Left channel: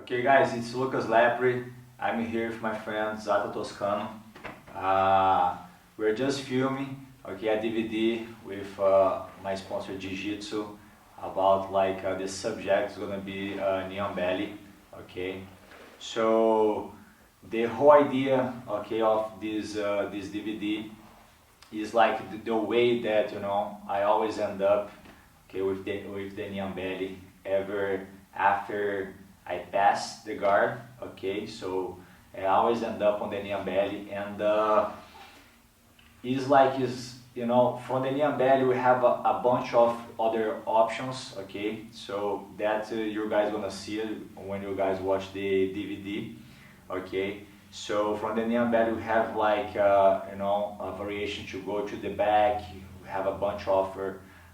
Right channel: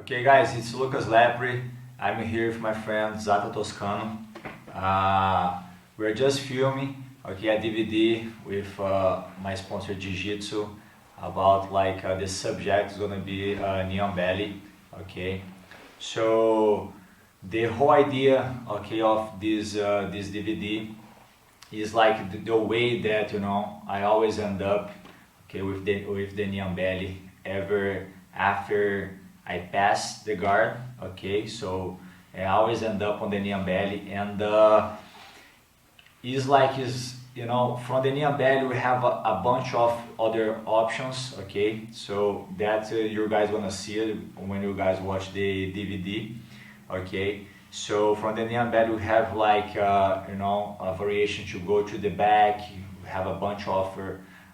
Okay guys, it's Lucas Lepri. I'm here with my friend Zata Toscano. We're just filming a DVD with my sponsor Jiu-Jitsu about the subject is gonna be knee on belly. Okay, so the whole idea of this DVD is like the way that I always end up with the knee on belly ever after I pass the guard. Okay, so I always end up on the knee and belly, and from the knee and belly we have a bunch of other options. Okay, so that you guys gonna see when you guys watch the DVD. Okay, so from the knee and belly we have a variation to go to the back. We have a bunch of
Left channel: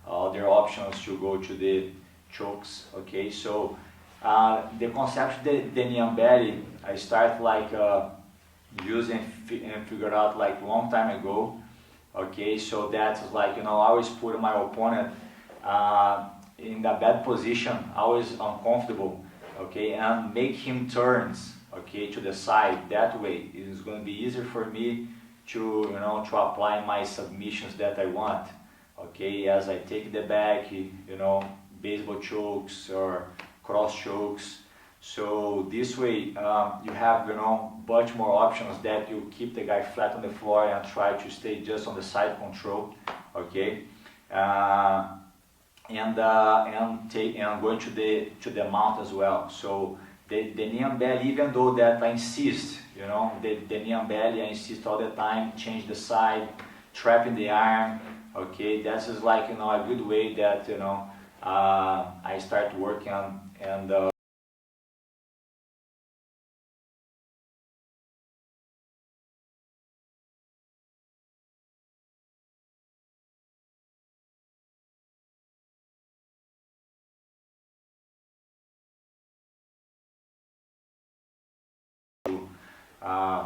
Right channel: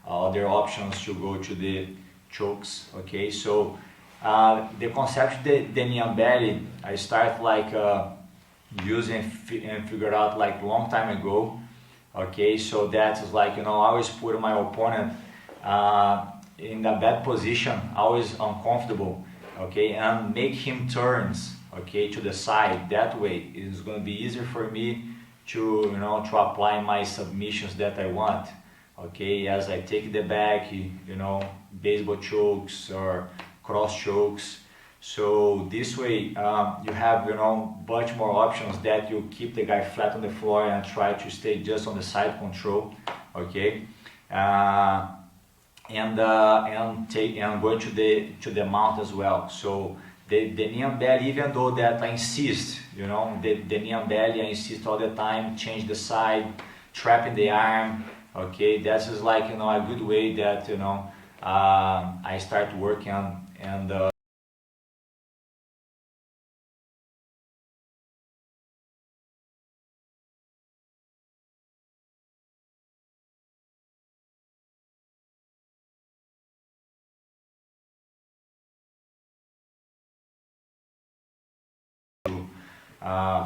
other options to go to the chokes. Okay, so the concept of the knee and belly I start using and figured out long time ago. Okay, so that is I always put my opponent in a bad position, always uncomfortable. Okay, and make him turns to the side. That way it is going to be easier for me to to apply my submissions that I want. Okay, as I take the back, baseball chokes or cross chokes. So this way you have much more options that you keep the guy flat on the floor and try to stay just on the side control. Okay, and going to the mount as well. So the knee and belly, even though that I insist, the knee and belly, I insist all the time, change the side, trapping the arm. Okay, that's just a good way that I start working on. And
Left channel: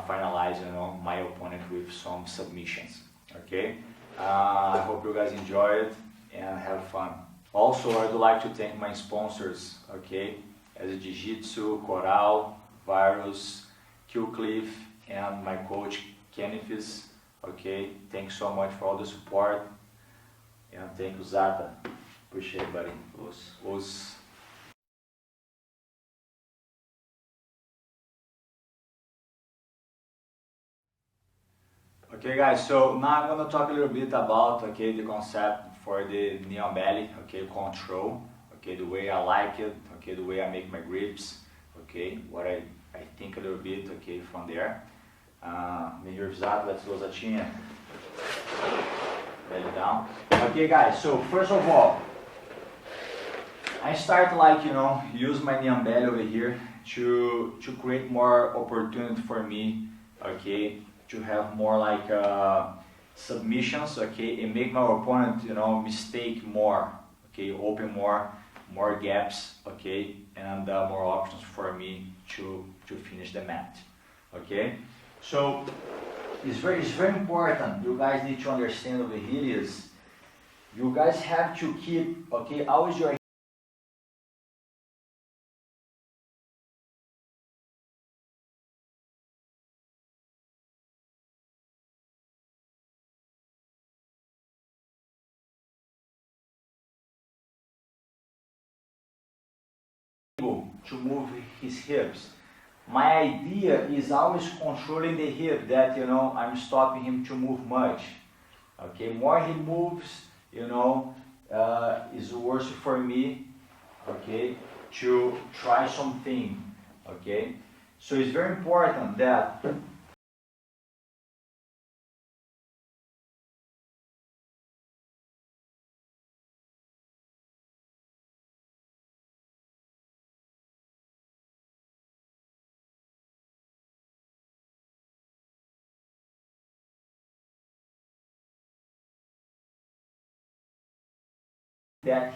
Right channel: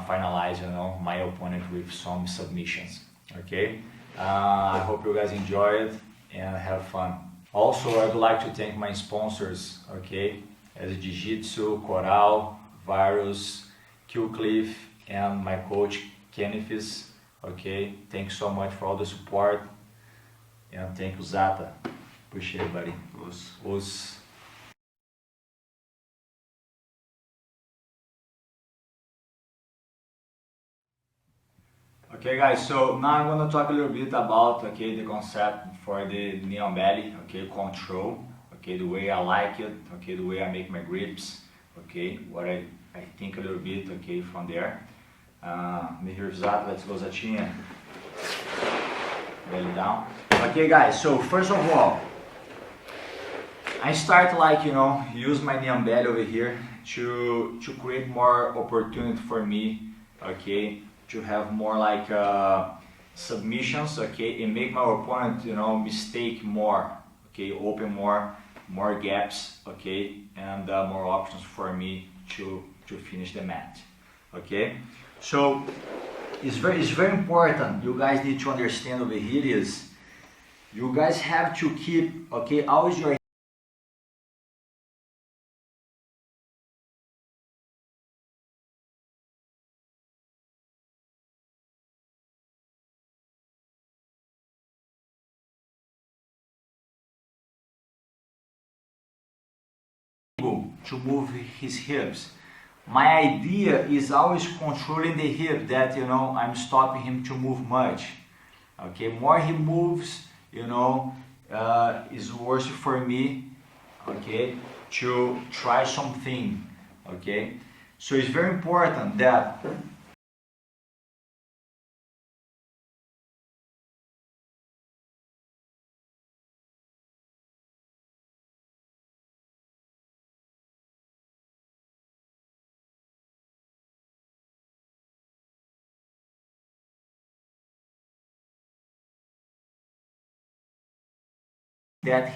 finalize my opponent with some submissions. Okay, I hope you guys enjoy it and have fun. Also, I'd like to thank my sponsors, okay, as Jiu-Jitsu, Coral, Virus, Cliff, and my coach Kenneth. Okay, thanks so much for all the support, and thank you Zata. Appreciate it, buddy. Os. Okay guys, so now I'm going to talk a little bit about the concept for the knee on belly, control, the way I like it, the way I make my grips, what I think a little bit, from there. Me here Zat, let's go Zatinha, belly down. Okay guys, so first of all, I start use my knee on belly over here to create more opportunity for me, to have more submissions, and make my opponent mistake more, open more gaps, and more options for me to finish the mat. So it's very important. You guys need to understand over here is you guys have to keep always your to move his hips. My idea is always controlling the hip, that I'm stopping him to move much. More he moves, is worse for me, to try something. So it's very important that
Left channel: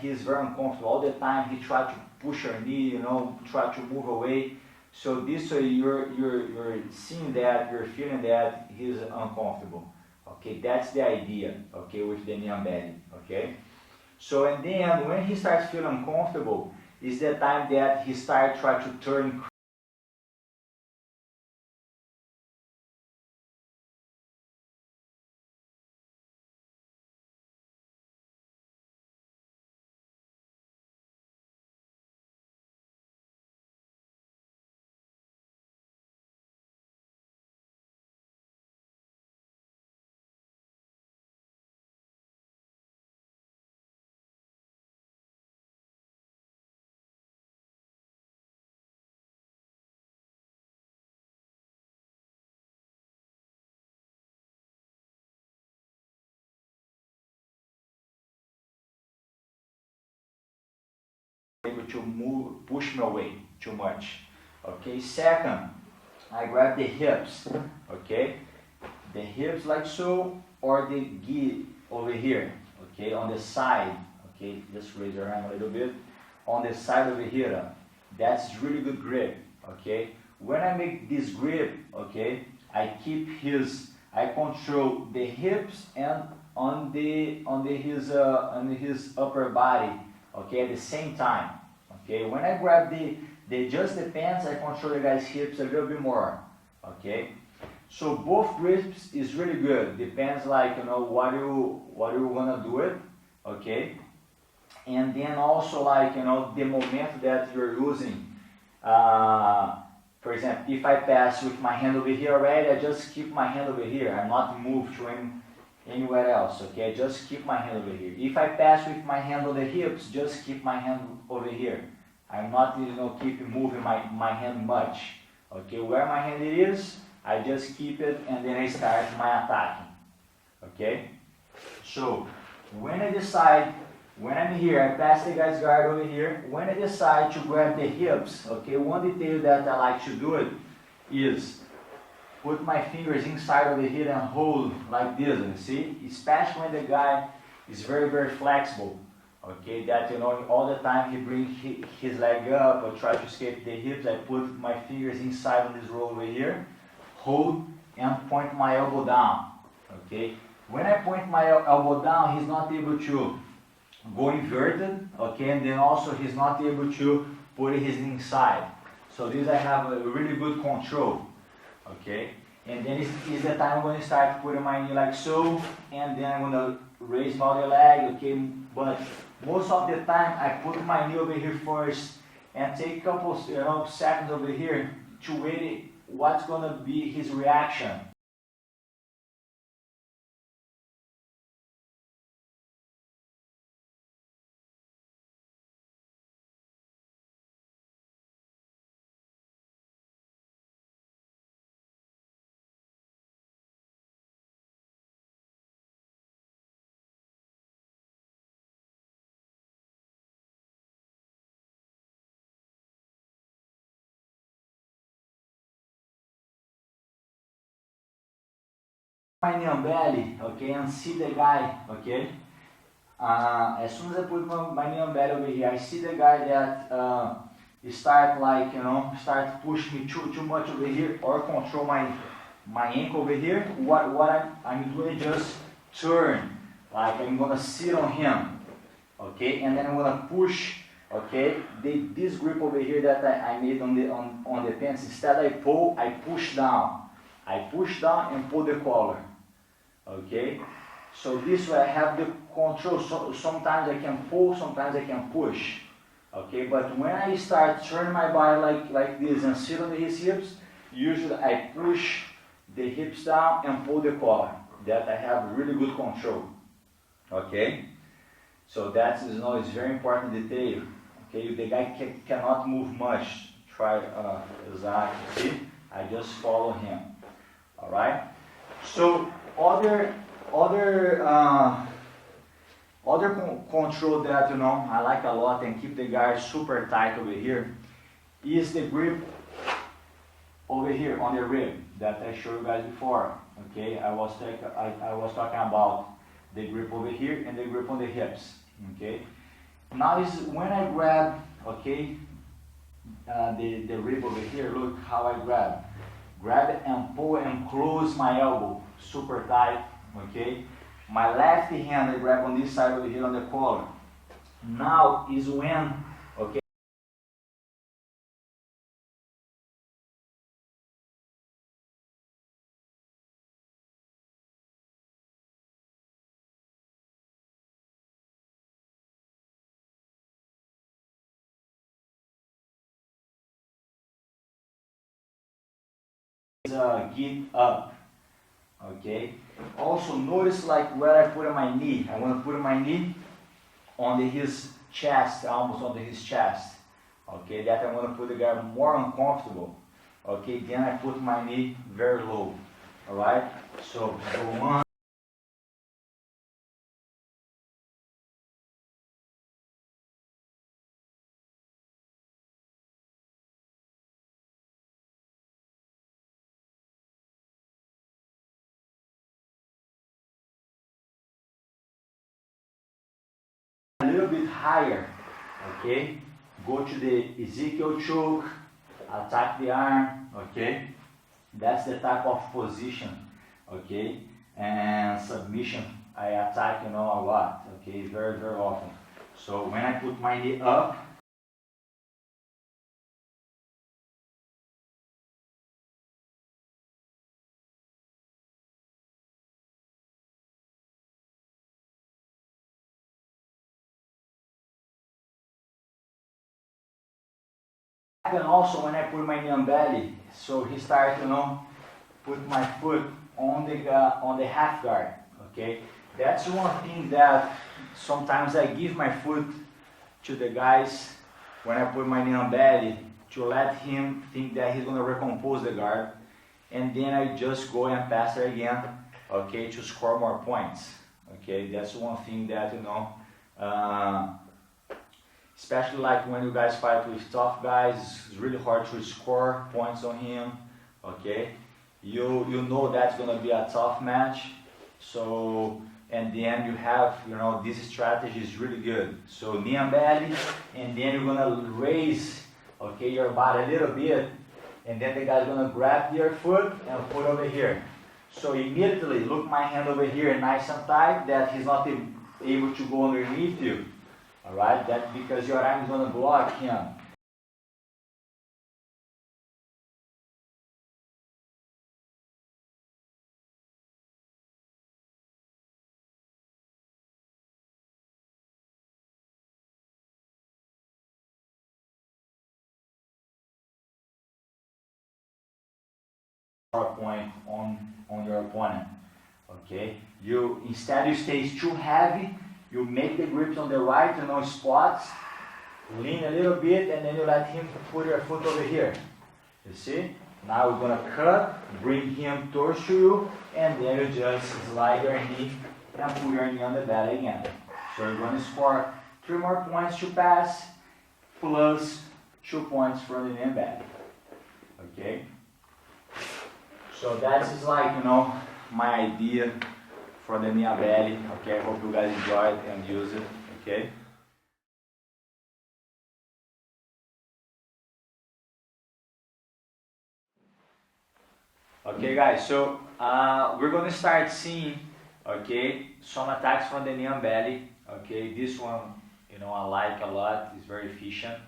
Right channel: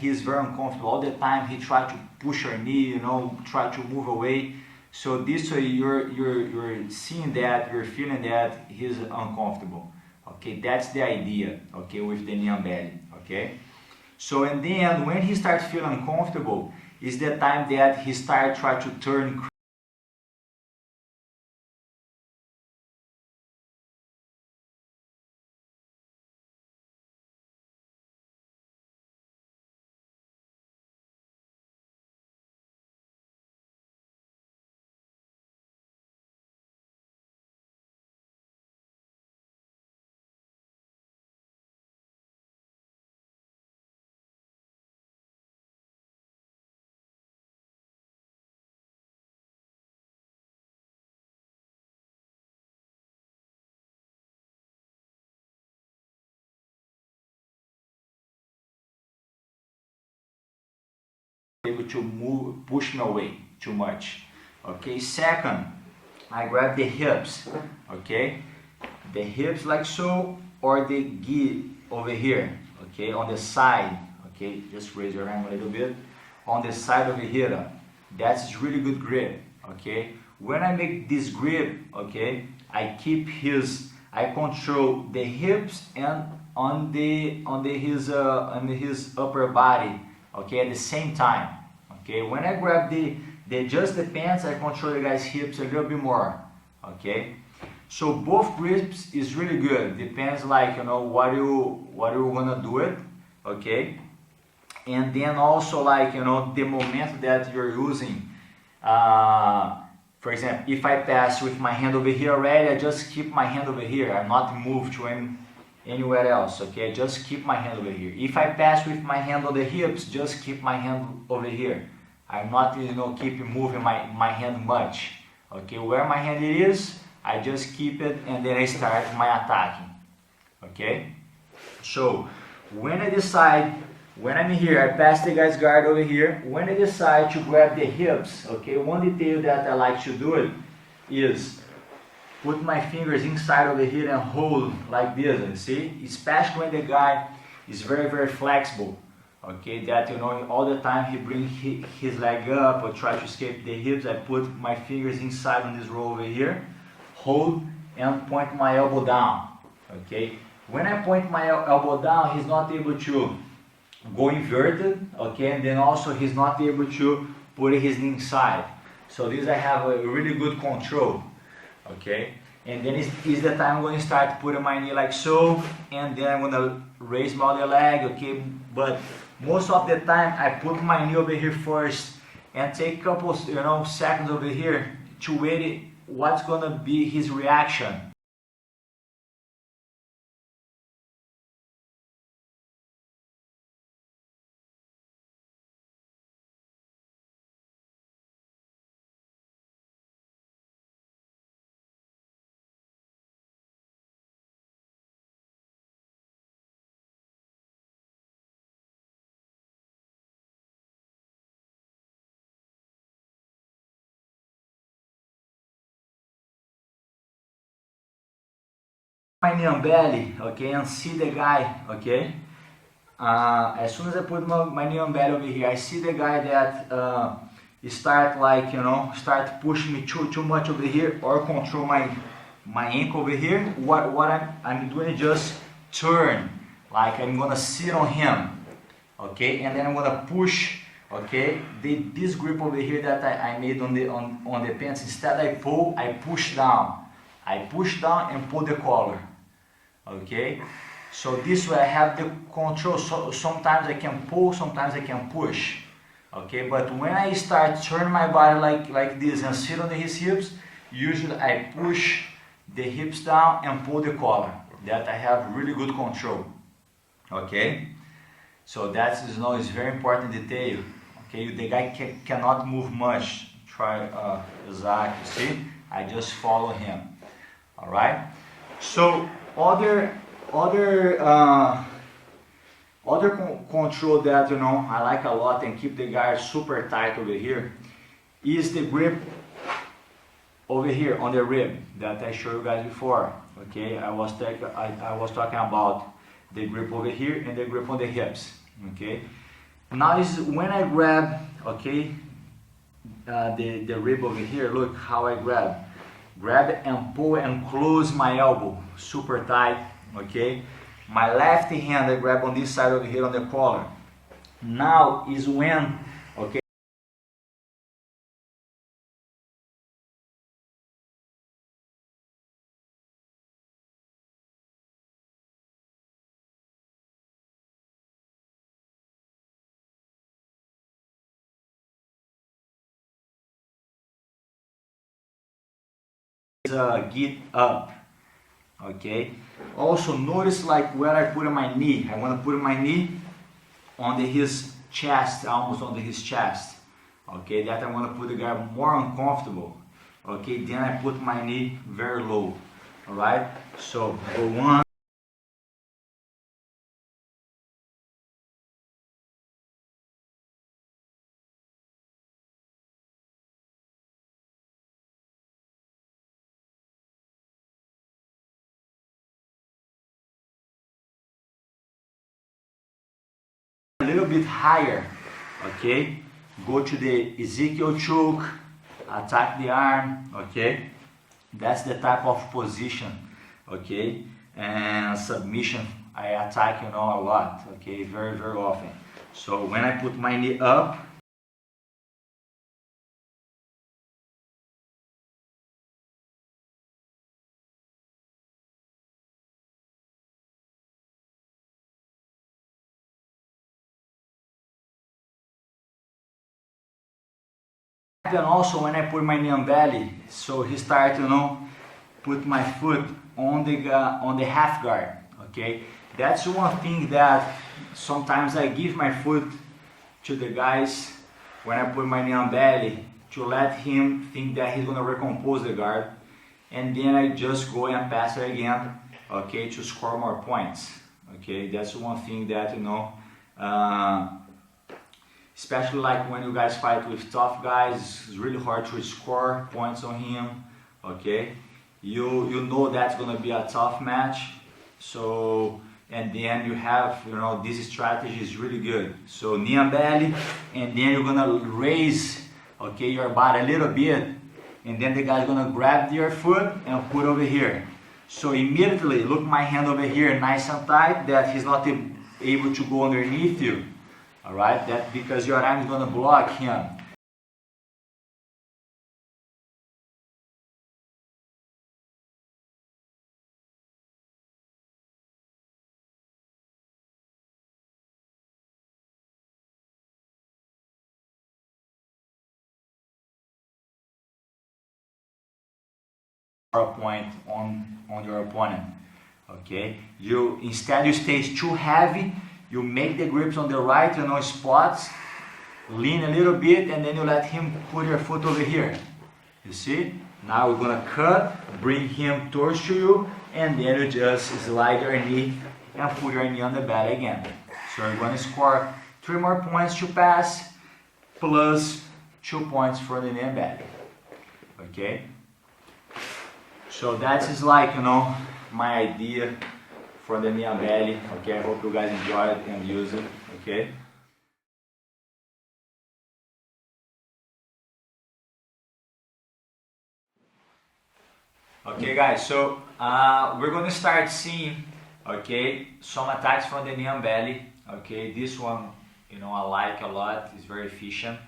he's very uncomfortable all the time. He tried to push her knee, try to move away. So this way you're seeing that, you're feeling that he's uncomfortable. That's the idea, with the knee and belly. So and then when he starts feeling uncomfortable is the time that he starts trying to turn able to move, push me away too much. Okay, second, I grab the hips, okay, the hips like so, or the gi over here, okay, on the side, okay, just raise your arm a little bit, on the side over here, that's really good grip, okay. When I make this grip, okay, I control the hips and on his upper body, okay, at the same time, okay. When I grab the just the pants, I control the guy's hips a little bit more, okay. So both grips is really good. Depends, like, you know, what you gonna do it, okay. And then also, like, you know, the moment that you're using. For example, if I pass with my hand over here already, I just keep my hand over here. I'm not moved to anywhere else, okay? Just keep my hand over here. If I pass with my hand on the hips, just keep my hand over here. I'm not, you know, keep moving my hand much, okay? Where my hand is, I just keep it and then I start my attacking, okay? So when I decide, when I'm here, I pass the guy's guard over here. When I decide to grab the hips, okay, one detail that I like to do it is put my fingers inside over here and hold like this, you see? Especially when the guy is very, very flexible, okay, that, you know, all the time he brings his leg up or try to escape the hips. I put my fingers inside on this roll over here, hold and point my elbow down, okay? When I point my elbow down, he's not able to go inverted, okay, and then also he's not able to put his knee inside. So this I have a really good control, okay, and then is the time I'm going to start putting my knee like so, and then I'm going to raise my other leg, okay, but most of the time I put my knee over here first and take a couple, you know, seconds over here to wait what's going to be his reaction. My knee on belly, okay, and see the guy, okay. As soon as I put my knee on belly over here, I see the guy that start, like, you know, start pushing me too much over here, or control my ankle over here. What I'm doing is just turn, like I'm gonna sit on him, okay, and then I'm gonna push, okay, this grip over here that I made on the pants. Instead I push down. I push down and pull the collar. Okay, so this way I have the control. So sometimes I can pull, sometimes I can push, okay, but when I start turning my body like this and sit on his hips, usually I push the hips down and pull the collar. That I have really good control, okay. So that is, you know, is very important detail, okay. The guy cannot move much. Try exactly, see, I just follow him, all right. So other control that, you know, I like a lot and keep the guard super tight over here is the grip over here on the rib that I showed you guys before, okay. I was talking about the grip over here and the grip on the hips, okay. Now is when I grab, okay, the rib over here. Look how I grab it and pull and close my elbow super tight, okay. My left hand I grab on this side over here on the collar. Now is when, okay, get up, okay. Also notice, like, where I put my knee. I want to put my knee on his chest, almost on his chest, okay. That I'm going to put the guy more uncomfortable, okay. Then I put my knee very low, all right. So go one. higher, okay? Go to the Ezekiel choke, attack the arm, okay? That's the type of position, okay? And submission, I attack, a lot, okay? Very, very often. So when I put my knee up, and also when I put my knee on belly, so he started, put my foot on the half guard, okay? That's one thing that sometimes I give my foot to the guys when I put my knee on belly to let him think that he's gonna recompose the guard, and then I just go and pass it again, okay, to score more points, okay? That's one thing that, especially like when you guys fight with tough guys, it's really hard to score points on him, okay? You know that's gonna be a tough match, so, and then you have, this strategy is really good. So knee and belly, and then you're gonna raise, okay, your body a little bit, and then the guy's gonna grab your foot and put over here. So immediately, look my hand over here, nice and tight, that he's not able to go underneath you. Alright, that because your arm is gonna block him. Point on your opponent, okay? Instead you stay too heavy, you make the grips on the right, spots, lean a little bit, and then you let him put your foot over here. You see? Now we're gonna cut, bring him towards to you, and then you just slide your knee and put your knee on the belly again. So you're gonna score 3 more points to pass, plus 2 points for the knee and belly, okay? So that is like, my idea for the knee and belly, okay? I hope you guys enjoyed and use it, okay? Okay guys, so we're gonna start seeing, okay, some attacks from the knee and belly, okay? This one, I like a lot, it's very efficient.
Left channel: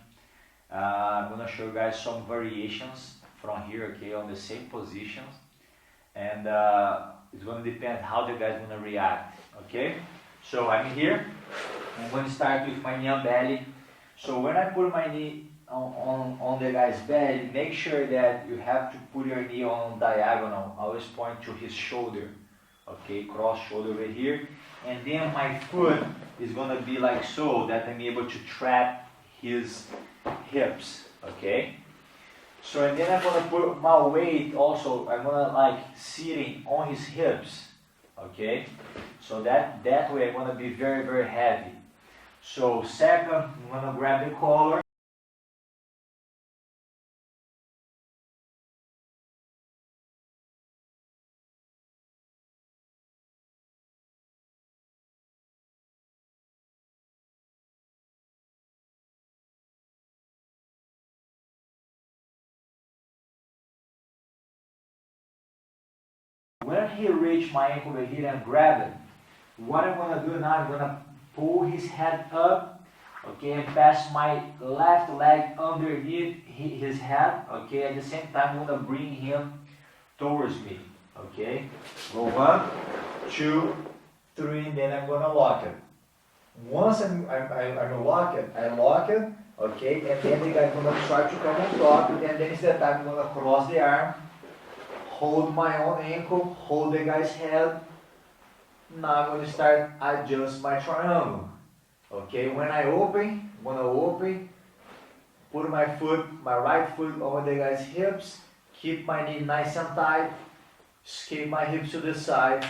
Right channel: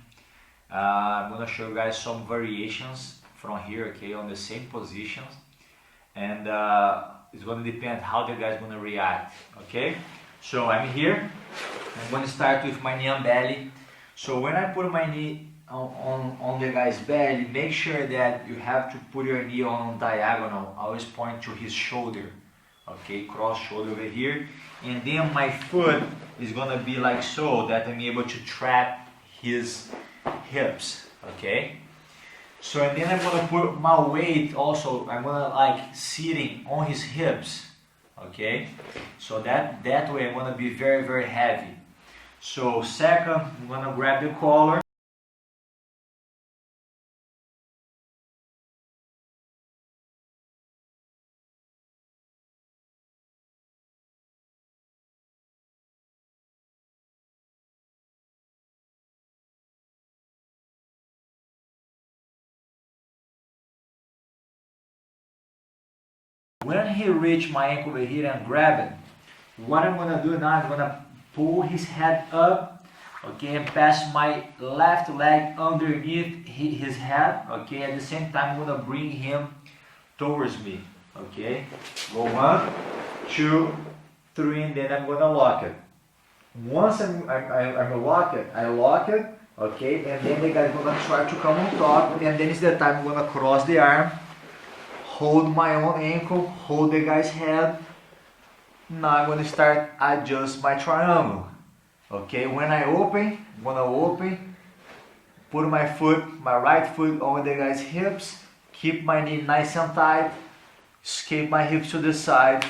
I'm gonna show you guys some variations from here, okay, on the same positions, and it's gonna depend how the guy's gonna react, okay? So I'm here, I'm gonna start with my knee and belly. So when I put my knee on the guy's belly, make sure that you have to put your knee on diagonal, always point to his shoulder, okay, cross shoulder over here, and then my foot is gonna be like so, that I'm able to trap his hips, okay? So and then I'm gonna put my weight also, I'm gonna like sitting on his hips, okay? So that way I'm gonna be very, very heavy. So second, I'm gonna grab the collar. When he reach my ankle over here and grab it, what I'm gonna do now, I'm gonna pull his head up, okay, and pass my left leg underneath his head, okay, at the same time I'm gonna bring him towards me, okay, go 1, 2, 3, and then I'm gonna lock it. Once I'm lock it, I lock it, okay, and then the guy's gonna try to come on top, and then it's the time I'm gonna cross the arm, hold my own ankle, hold the guy's head. Now I'm going to start adjust my triangle. Okay, when I open, I'm going to open, put my right foot on the guy's hips, keep my knee nice and tight, escape my hips to the side,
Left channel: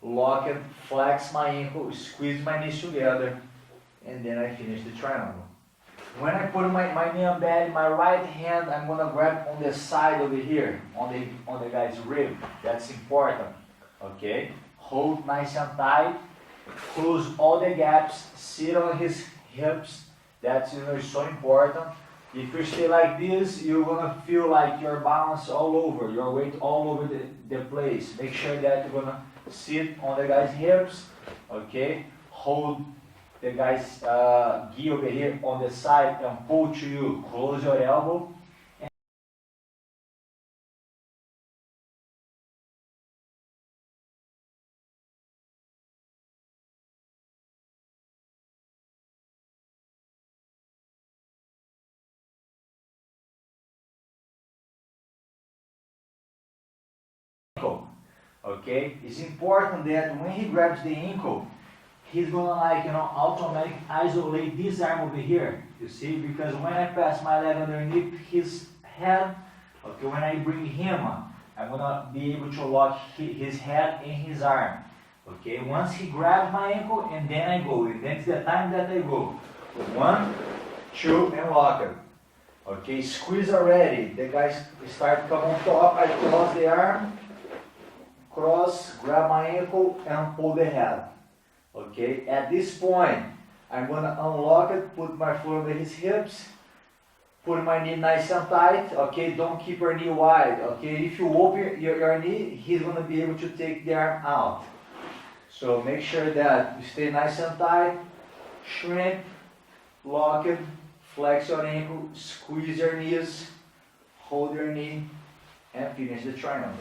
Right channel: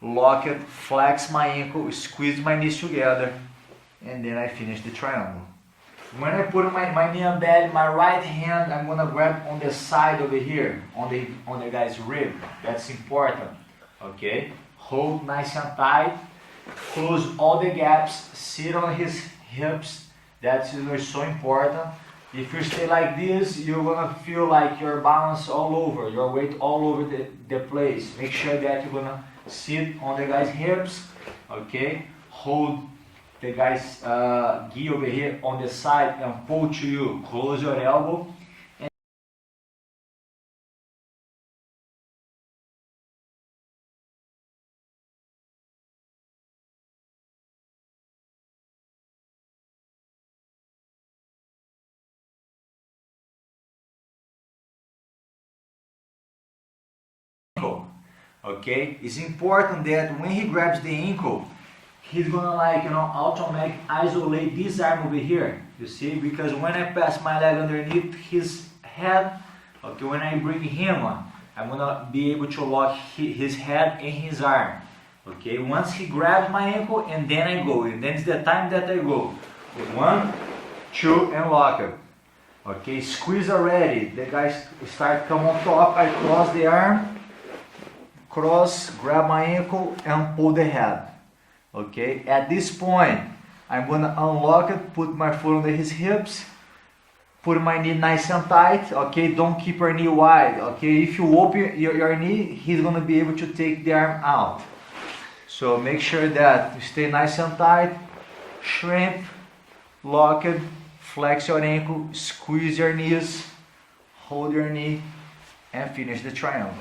lock it, flex my ankle, squeeze my knees together, and then I finish the triangle. When I put my knee on belly, my right hand, I'm gonna grab on the side over here, on the guy's rib. That's important, okay? Hold nice and tight, close all the gaps, sit on his hips. That's is so important. If you stay like this, you're gonna feel like your balance all over, your weight all over the place. Make sure that you're gonna sit on the guy's hips, okay? Hold the guy's gi over here on the side and pull to you. Close your elbow. Okay, it's important that when he grabs the ankle, he's gonna like automatic isolate this arm over here. You see, because when I pass my leg underneath his head, okay, when I bring him, I'm gonna be able to lock his head and his arm. Okay, once he grabs my ankle, and then I go, and then it's the time that I go. 1, 2, and lock it. Okay, squeeze already. The guys start come on top. I cross the arm. Cross, grab my ankle and pull the head. Okay, at this point I'm gonna unlock it, put my foot under his hips, put my knee nice and tight. Okay, don't keep your knee wide. Okay, if you open your knee, he's gonna be able to take the arm out. So make sure that you stay nice and tight, shrink, lock it, flex your ankle, squeeze your knees, hold your knee, and finish the triangle.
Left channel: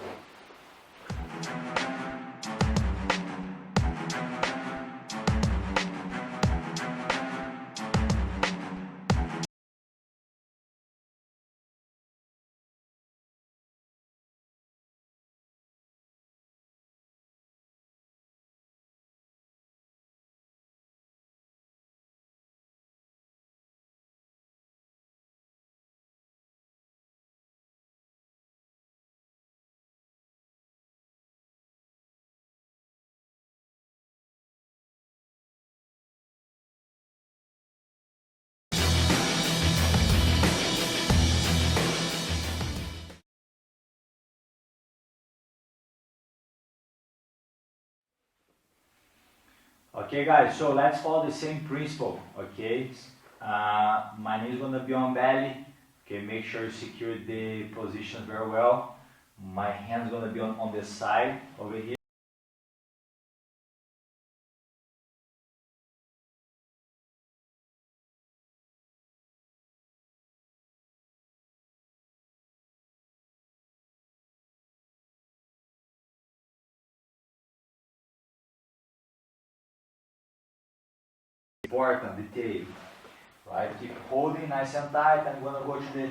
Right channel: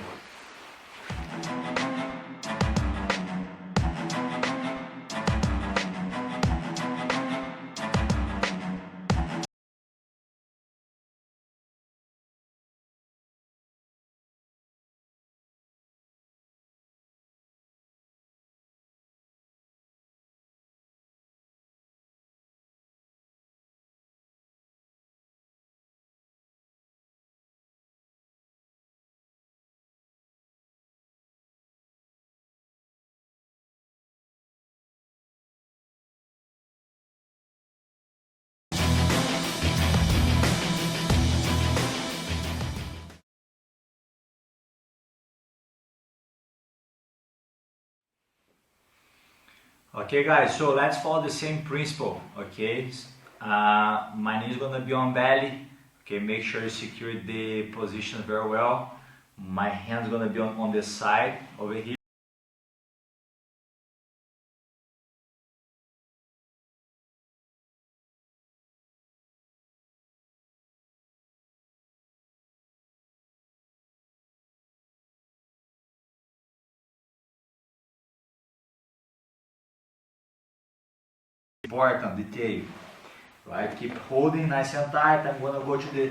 Okay guys, so let's follow the same principle, okay? My knee is gonna be on belly, okay? Make sure you secure the position very well. My hand's gonna be on the side over here. Important detail, right? Keep holding nice and tight. I'm gonna go to the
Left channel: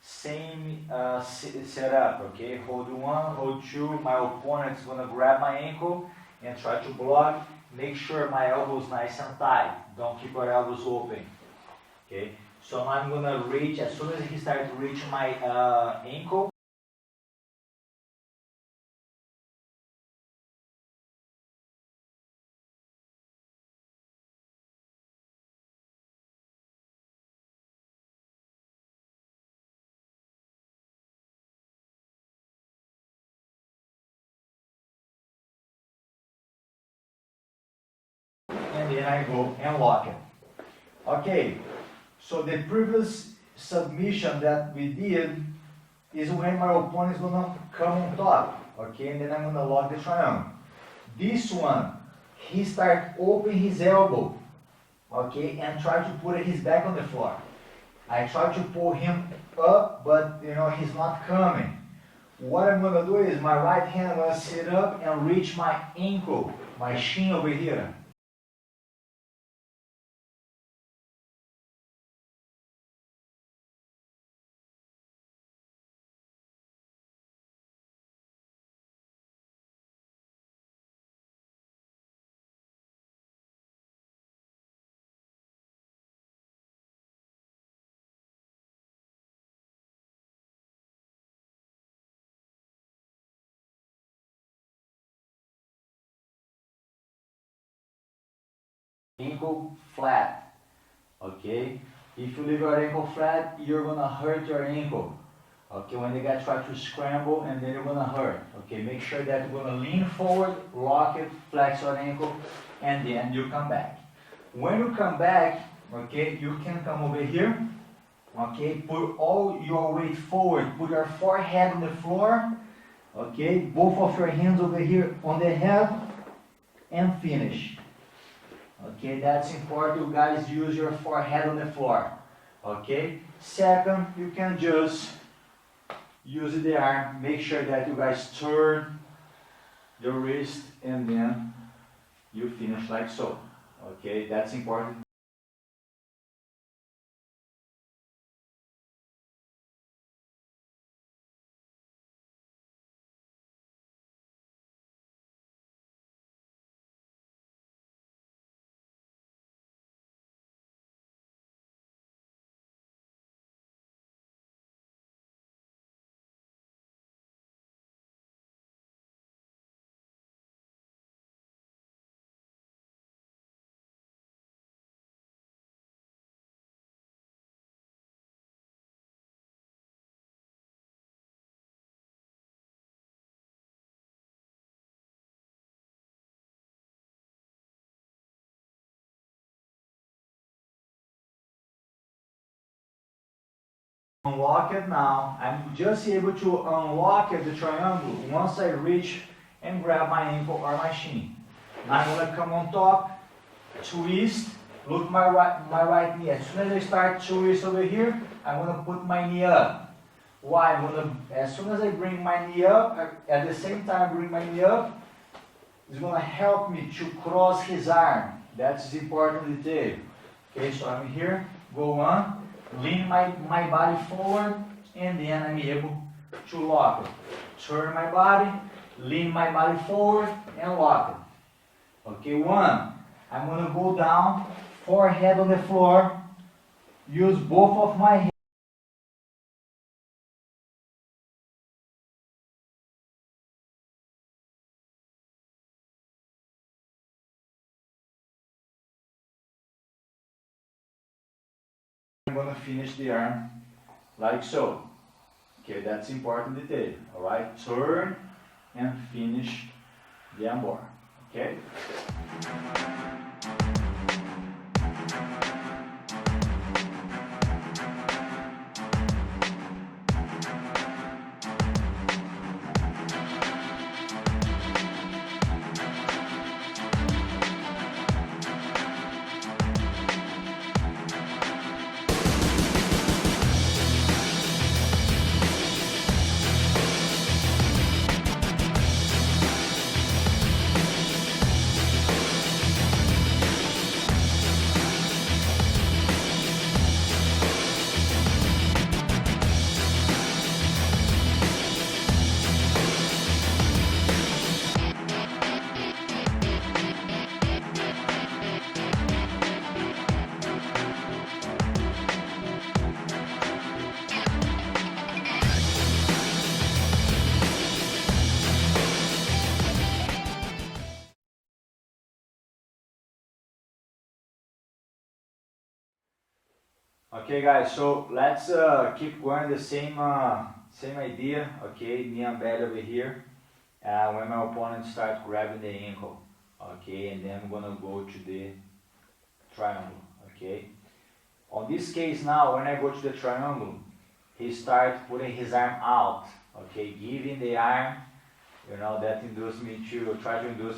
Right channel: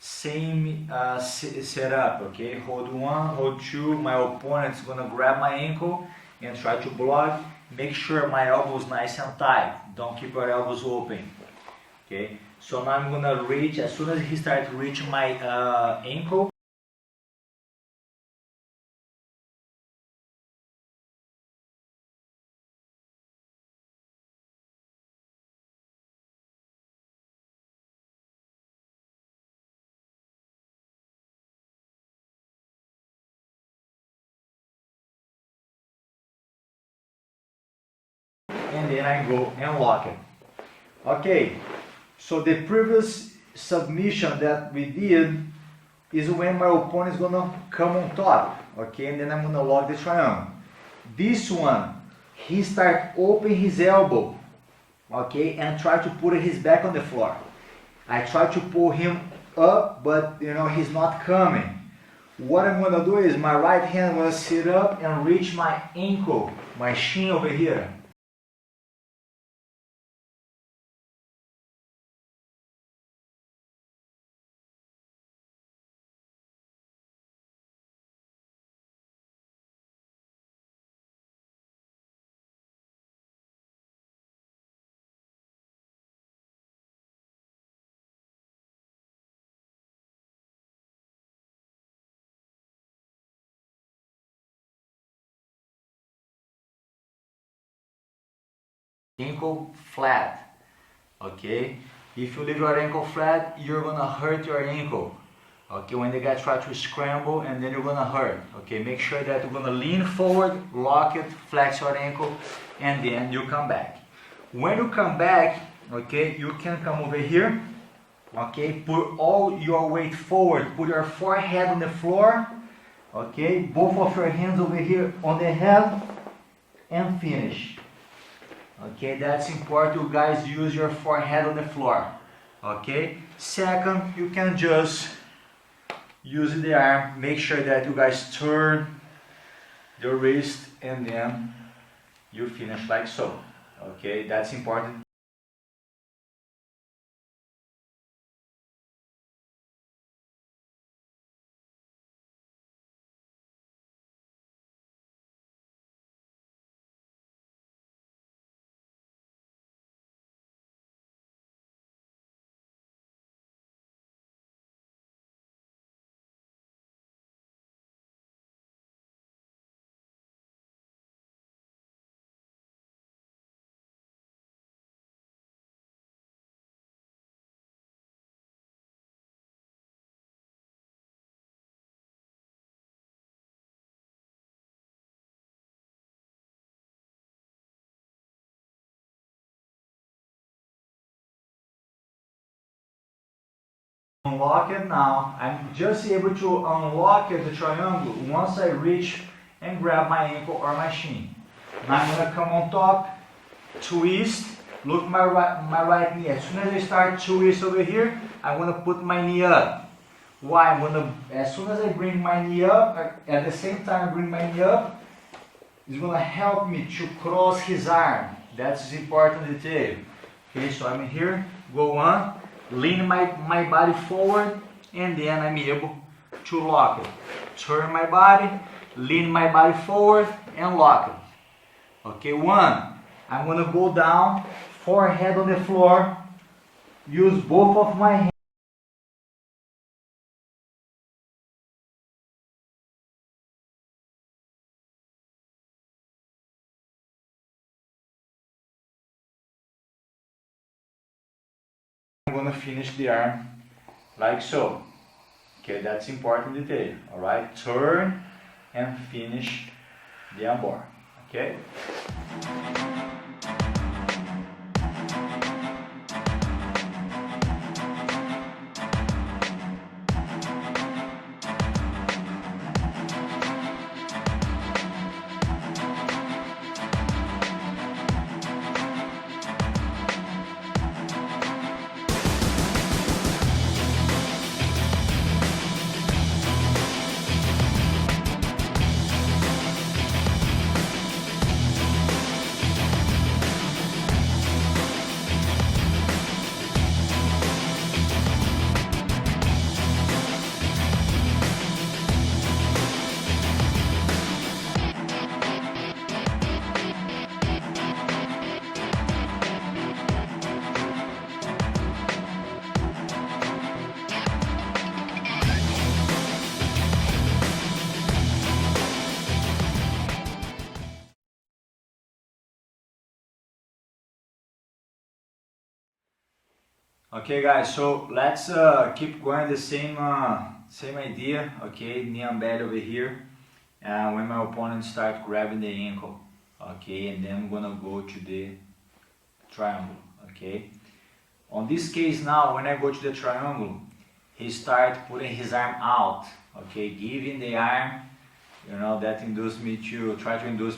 same setup, okay? Hold 1, hold 2. My opponent's gonna grab my ankle and try to block. Make sure my elbows nice and tight. Don't keep your elbows open, okay? So now I'm gonna reach. As soon as he starts reaching my ankle, and then I go and lock it. Okay, so the previous submission that we did is when my opponent is gonna come on top, okay, and then I'm gonna lock the triangle. This one, he start open his elbow, okay, and try to put his back on the floor. I try to pull him up, but he's not coming. What I'm gonna do is my right hand will sit up and reach my ankle, my shin over here. Ankle flat, okay? If you leave your ankle flat, you're gonna hurt your ankle, okay? When the guy try to scramble, and then you're gonna hurt, okay? Make sure that you're gonna lean forward, lock it, flex your ankle, and then you come back. When you come back, Okay, you can come over here. Okay, put all your weight forward, put your forehead on the floor. Okay, both of your hands over here on the head and finish. Okay, that's important, you guys use your forehead on the floor. Okay, second, you can just use the arm, make sure that you guys turn the wrist and then you finish like so. Okay, that's important. Unlock it now. I'm just able to unlock the triangle once I reach and grab my ankle or my shin. Now I'm gonna come on top, twist, look my right knee. As soon as I start twist over here, I'm gonna put my knee up. Why? As soon as I bring my knee up, at the same time I bring my knee up, it's gonna help me to cross his arm. That's the important detail. Okay, so I'm here, go on, lean my body forward, and then I'm able to lock it. Turn my body, lean my body forward, and lock it. Okay, one, I'm gonna go down, forehead on the floor, use both of my hands. I'm gonna finish the arm like so. Okay, that's important detail. Alright, turn and finish the armbar. Okay? Okay guys, so let's keep going the same idea. Okay, knee and belly over here. When my opponent starts grabbing the ankle, okay, and then I'm gonna go to the triangle. Okay. On this case now, when I go to the triangle, he starts putting his arm out. Okay, giving the arm, that try to induce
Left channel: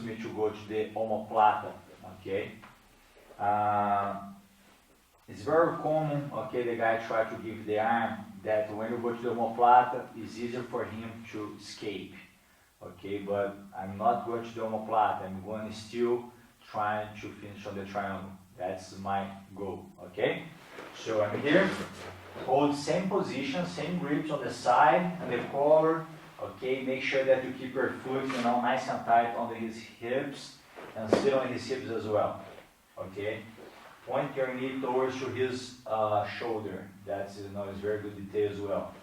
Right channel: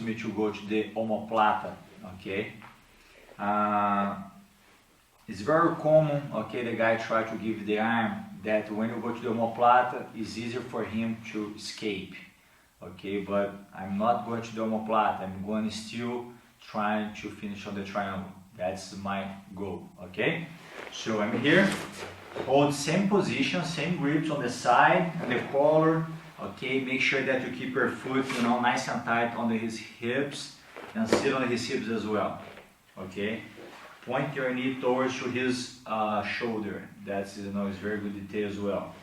me to go to the omoplata. Okay. It's very common, okay, the guy try to give the arm that when you go to the omoplata, it's easier for him to escape, okay, but I'm not going to the omoplata, I'm going still trying to finish on the triangle. That's my goal, okay? So I'm here, hold same position, same grips on the side, and the collar, okay, make sure that you keep your foot, nice and tight on his hips, and sit on his hips as well, okay? Point your knee towards to his shoulder. That's is very good detail as well.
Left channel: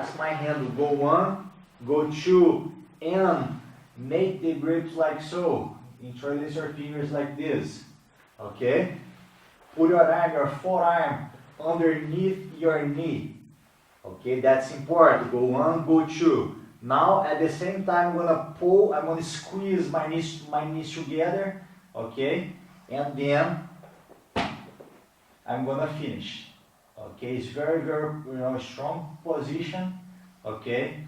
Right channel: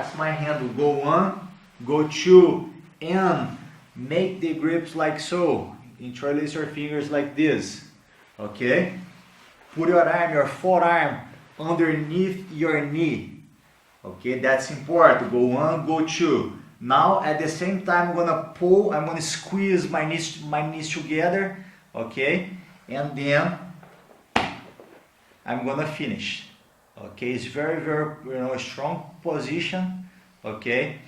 That's my handle. Go 1, go 2, and make the grips like so. Interlace your fingers like this. Okay? Put your arm, your forearm, underneath your knee. Okay, that's important. Go 1, go 2. Now at the same time I'm gonna pull, I'm gonna squeeze my knees together. Okay, and then I'm gonna finish. Okay, it's very strong position. Okay,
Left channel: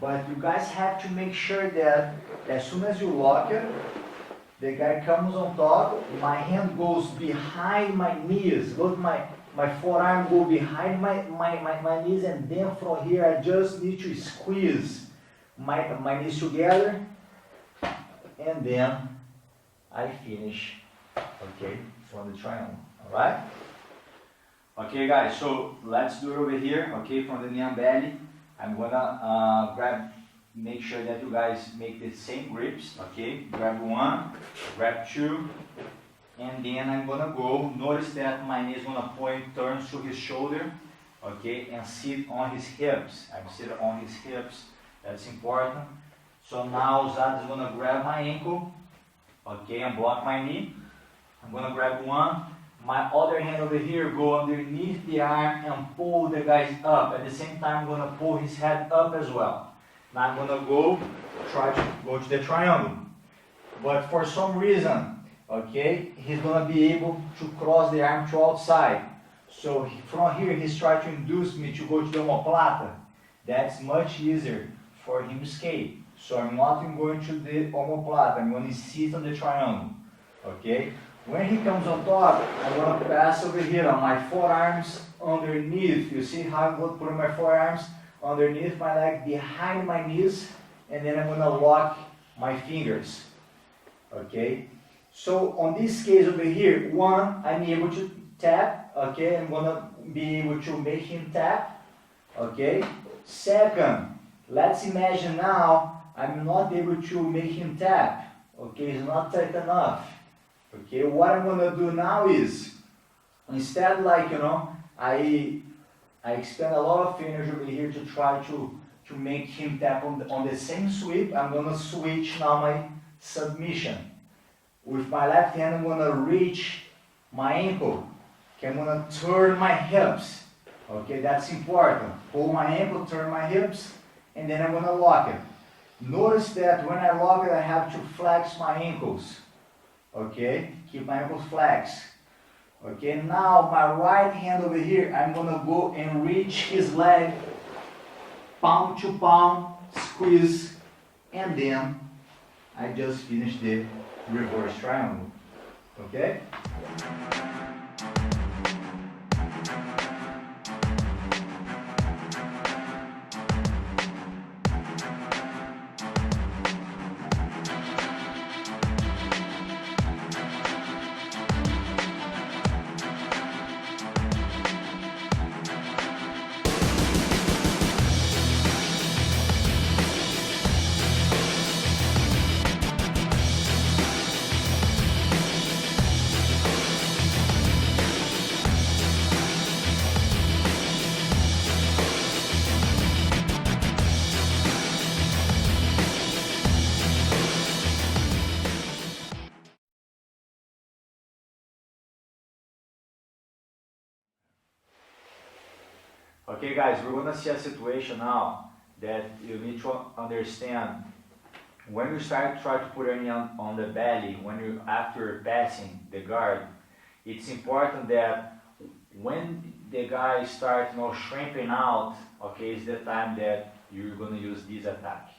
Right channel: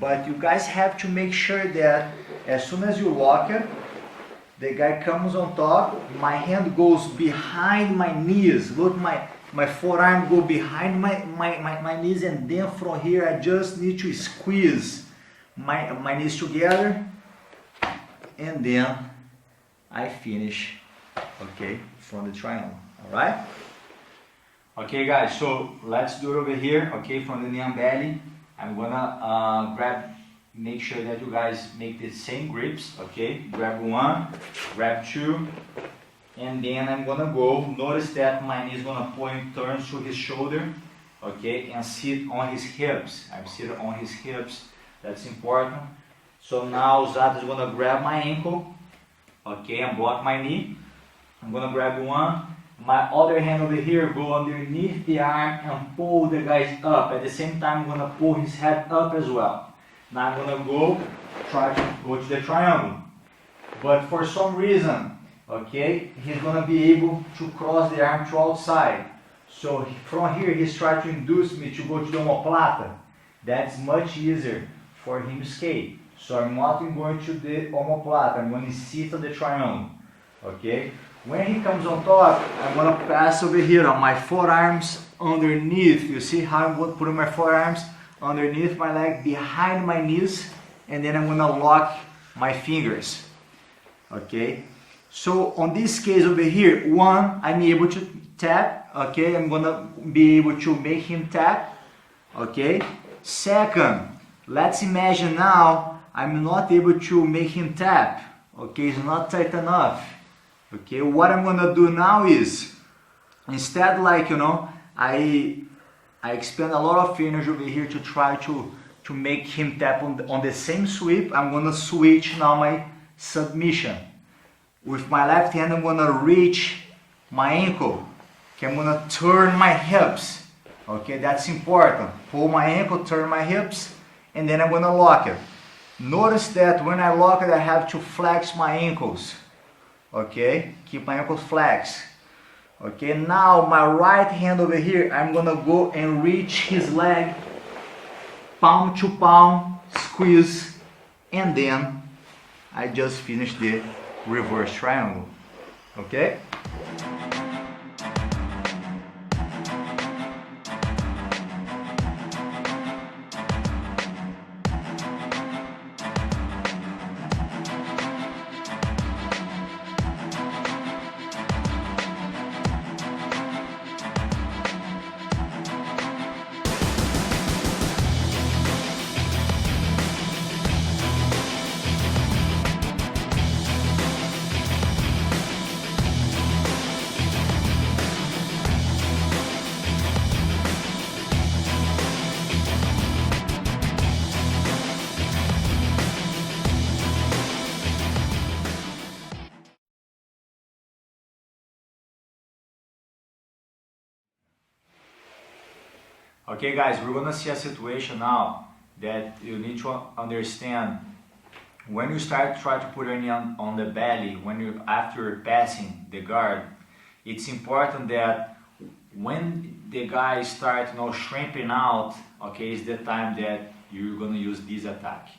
but you guys have to make sure that as soon as you lock it, the guy comes on top, my hand goes behind my knees. Look, my forearm go behind my knees, and then from here I just need to squeeze my knees together, and then I finish, okay, from the triangle. Alright? Okay guys, so let's do it over here, okay, from the knee and belly. I'm gonna make sure that you guys make the same grips, okay? Grab 1, grab 2, and then I'm gonna go. Notice that my knee is gonna point, turn to his shoulder, okay, and sit on his hips. I'm sitting on his hips, that's important. So now Zad is gonna grab my ankle, okay, and block my knee. I'm gonna grab 1. My other hand over here, go underneath the arm and pull the guys up. At the same time, I'm gonna pull his head up as well. Now I'm gonna try to go to the triangle. But for some reason, okay, he's gonna be able to cross the arm to outside. So from here, he's trying to induce me to go to the omoplata. That's much easier for him to escape. So I'm not going to the omoplata, I'm going to sit on the triangle, okay? When he comes on top, I'm going to pass over here on my forearms underneath. You see how I'm going to put my forearms underneath my leg, behind my knees, and then I'm going to lock my fingers, okay? So on this case over here, 1, I'm able to tap, okay? I'm going to be able to make him tap, okay? Second, let's imagine now I'm not able to make him tap, okay? It's not tight enough. Okay, what I'm gonna do now is, instead, like, you know, I expend a lot of energy over here to try to make him tap on the same sweep. I'm gonna switch now my submission. With my left hand, I'm gonna reach my ankle. Okay, I'm gonna turn my hips. Okay, that's important. Pull my ankle, turn my hips, and then I'm gonna lock it. Notice that when I lock it, I have to flex my ankles. Okay, keep my ankles flexed. Okay, now my right hand over here, I'm gonna go and reach his leg, palm to palm, squeeze, and then I just finished the reverse triangle. Okay? Okay guys, we're gonna see a situation now that you need to understand. When you try to put your knee on the belly, after passing the guard, it's important that when the guy starts shrimping out, okay, is the time that you're gonna use this attack.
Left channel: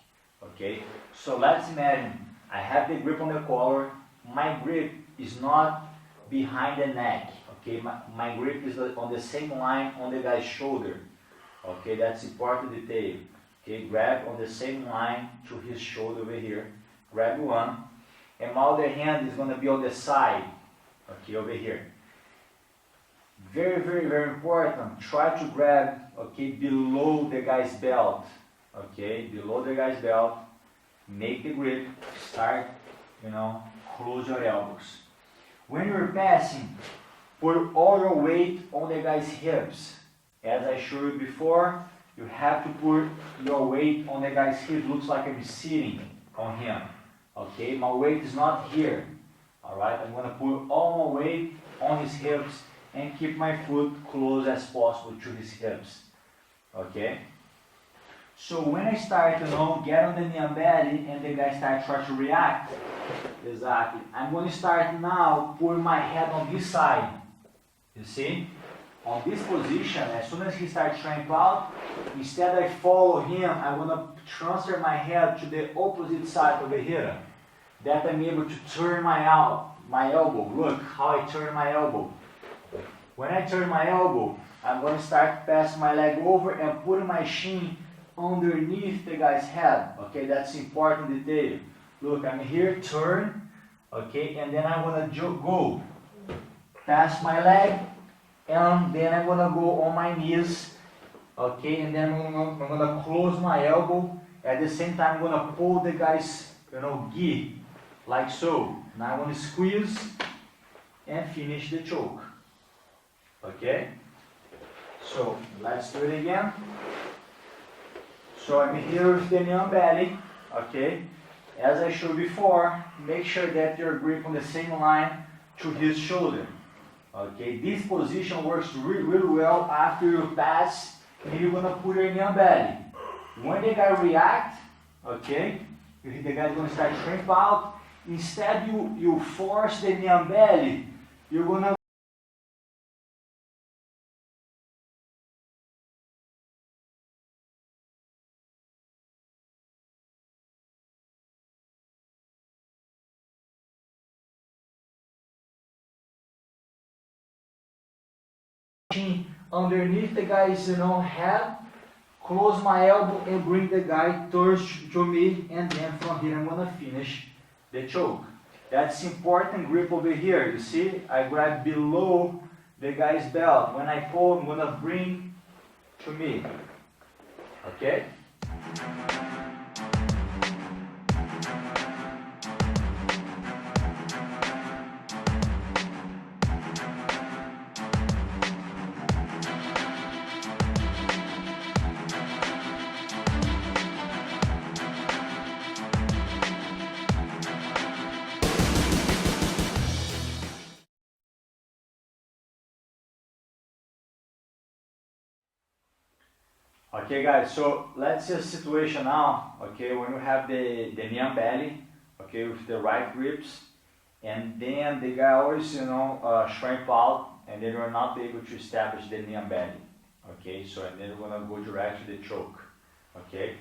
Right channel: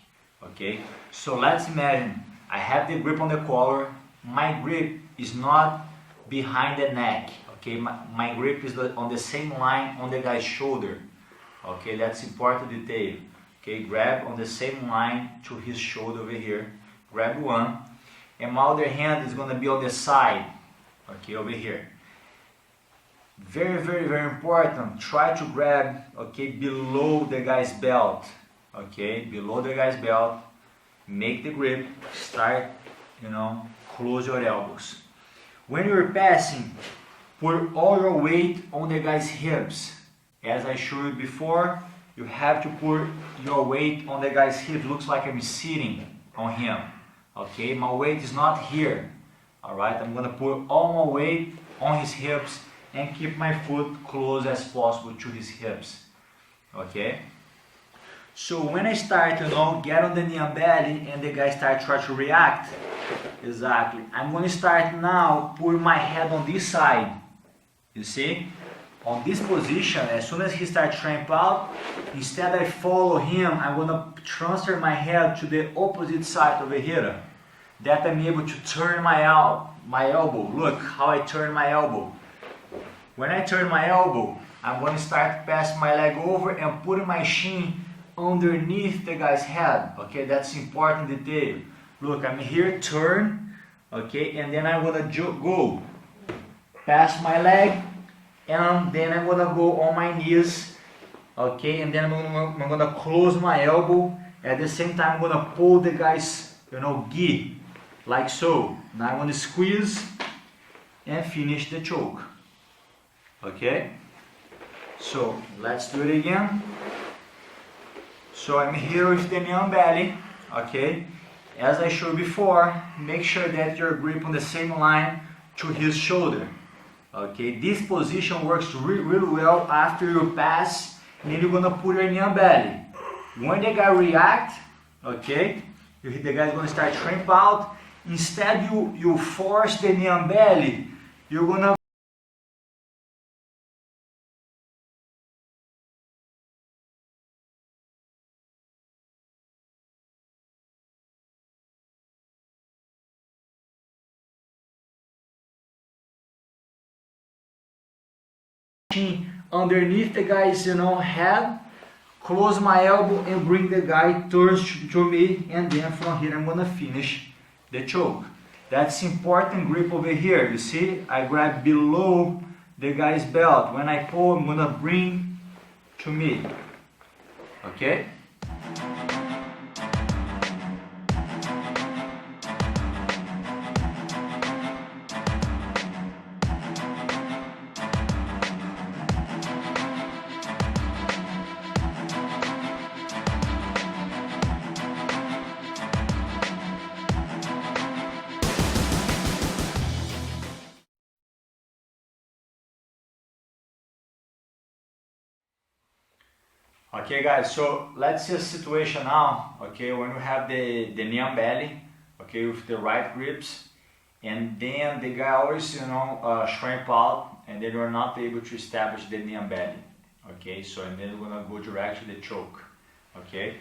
Okay, so let's imagine I have the grip on the collar. My grip is not behind the neck. Okay, my grip is on the same line on the guy's shoulder. Okay, that's important detail. Okay, grab on the same line to his shoulder over here. Grab 1, and my other hand is going to be on the side. Okay, over here. Very important. Try to grab, okay, below the guy's belt. Okay, below the guy's belt. Make the grip. Start, close your elbows. When you're passing, put all your weight on the guy's hips. As I showed you before, you have to put your weight on the guy's hip. Looks like I'm sitting on him. Okay, my weight is not here. Alright, I'm gonna put all my weight on his hips and keep my foot close as possible to his hips. Okay? So when I start, get on the knee and belly and the guy try to react, exactly, I'm going to start now, put my head on this side, you see? On this position, as soon as he starts tramp out, instead I follow him, I'm going to transfer my head to the opposite side over here, that I'm able to turn my elbow. Look how I turn my elbow. When I turn my elbow, I'm going to start passing my leg over and putting my shin underneath the guy's head. Okay, that's important detail. Look, I'm here, turn, okay, and then I'm gonna go past my leg, and then I'm gonna go on my knees, okay, and then I'm gonna close my elbow. At the same time, I'm gonna pull the guy's, gi, like so. Now I'm gonna squeeze and finish the choke. Okay, so let's do it again. So I'm here with the knee on belly, okay? As I showed before, make sure that your grip on the same line to his shoulder, okay? This position works really well after you pass, and then you're gonna put your knee on belly. When the guy react, okay, the guy's gonna start shrimp out. Instead, you force the knee on belly. You're gonna underneath the guy's head, close my elbow and bring the guy towards to me, and then from here I'm gonna finish the choke. That's important grip over here. You see, I grab below the guy's belt. When I pull, I'm gonna bring to me. Okay? Okay guys, so let's see a situation now, okay, when you have the knee on belly, okay, with the right grips, and then the guy always, shrimp out, and then you're not able to establish the knee on belly, okay, so and then we're gonna go directly to the choke, okay.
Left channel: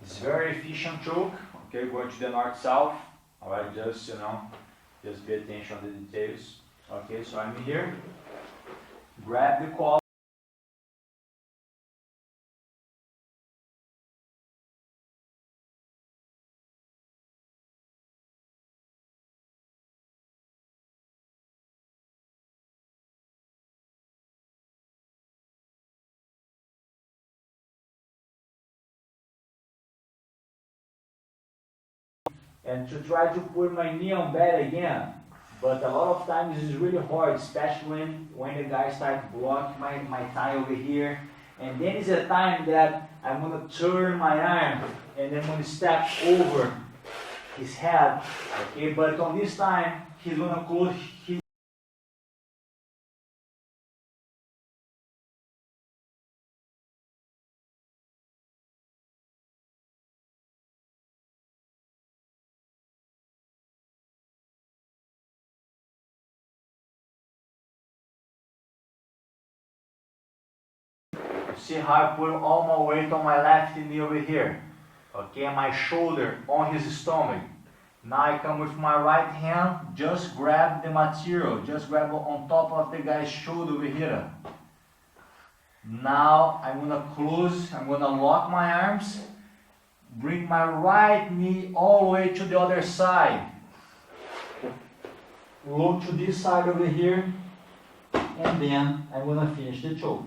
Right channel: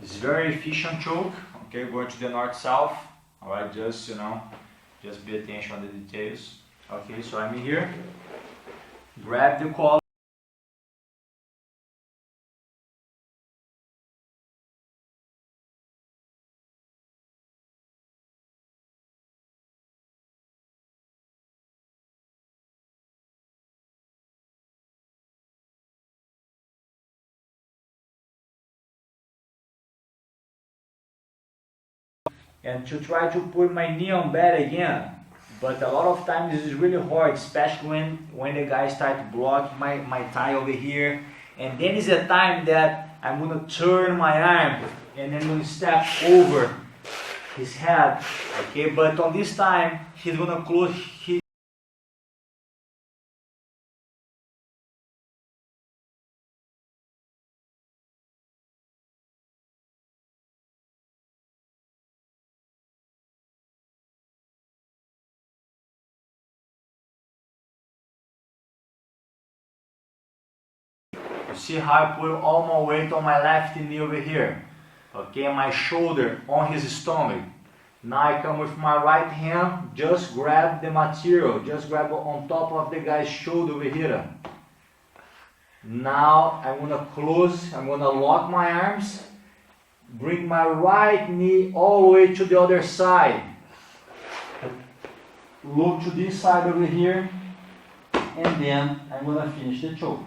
It's very efficient choke, okay, going to the north-south, alright, just pay attention on the details, okay, so I'm here, grab the collar. And to try to put my knee on belly again, but a lot of times this is really hard, especially when the guy starts blocking my thigh over here, and then is a time that I'm going to turn my arm and then I'm going to step over his head, okay, but on this time he's going to close his You see how I put all my weight on my left knee over here, okay, and my shoulder on his stomach. Now I come with my right hand, just grab the material, just grab on top of the guy's shoulder over here. Now I'm gonna close, I'm gonna lock my arms, bring my right knee all the way to the other side. Look to this side over here, and then I'm gonna finish the choke.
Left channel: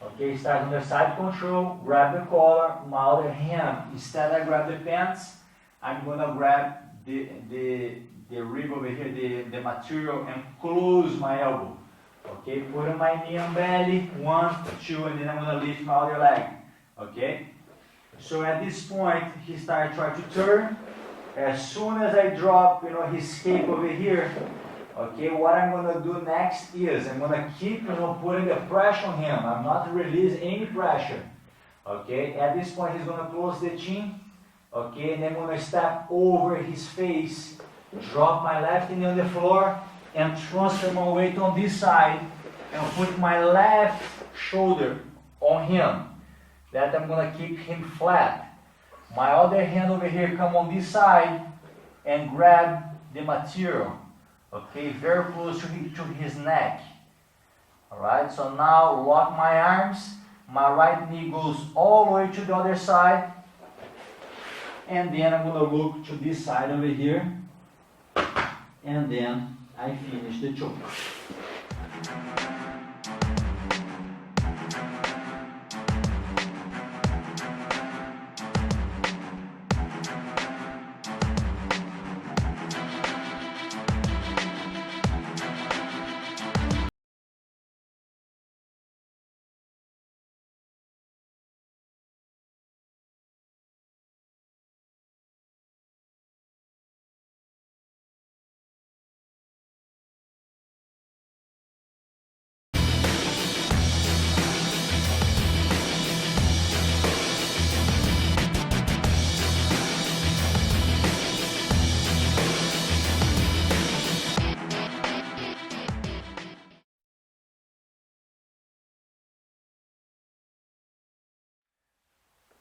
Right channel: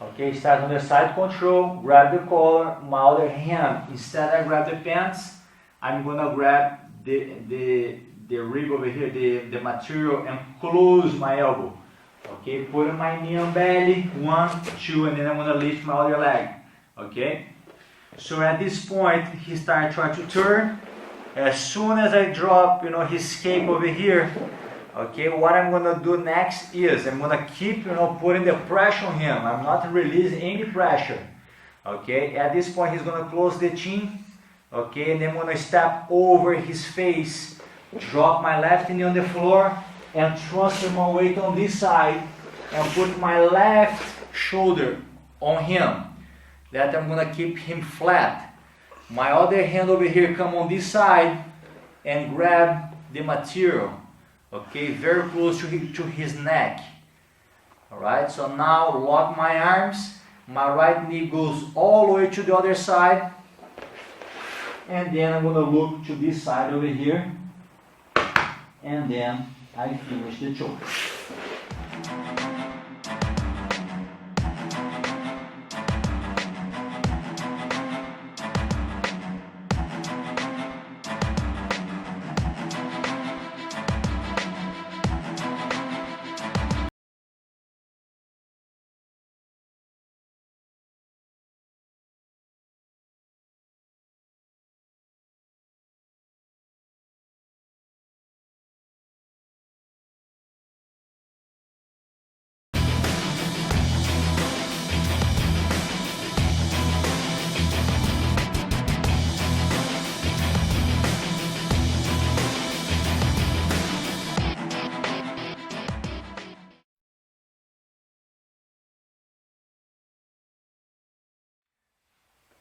Okay, start on the side control, grab the collar, my other hand, instead I grab the pants, I'm gonna grab the rib over here, the material, and close my elbow. Okay, put my knee on belly, 1, 2, and then I'm gonna lift my other leg. Okay, so at this point he started trying to turn. As soon as I drop, his cape over here, okay, what I'm gonna do next is I'm gonna keep, putting the pressure on him. I'm not releasing any pressure. Okay, at this point he's gonna close the chin. Okay, and then I'm gonna step over his face, drop my left knee on the floor, and transfer my weight on this side, and put my left shoulder on him. That I'm gonna keep him flat. My other hand over here come on this side and grab the material. Okay, very close to his neck. Alright, so now lock my arms. My right knee goes all the way to the other side. And then I'm gonna look to this side over here. And then I finish the choke.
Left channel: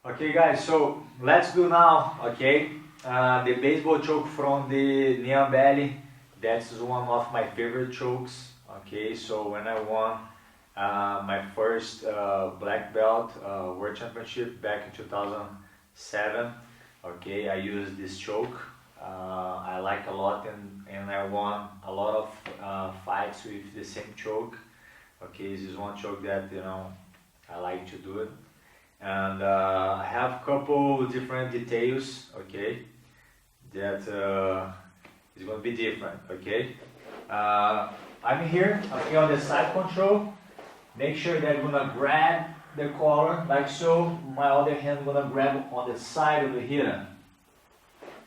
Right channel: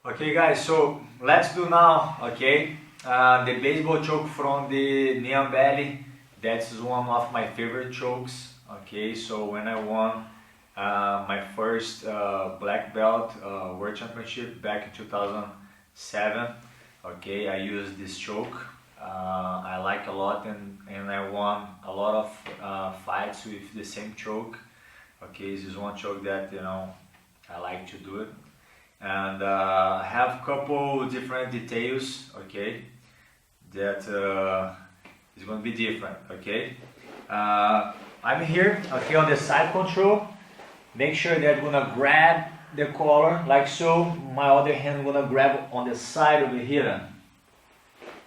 Okay guys, so let's do now, okay, the baseball choke from the knee and belly. That's one of my favorite chokes. Okay, so when I won my first black belt world championship back in 2007, okay, I used this choke. I like a lot, and I won a lot of fights with the same choke. Okay, this is one choke that I like to do it. And I have a couple different details, okay, that is going to be different, okay. I'm here, okay, on the side control. Make sure that I'm going to grab the collar like so. My other hand going to grab on the side over here.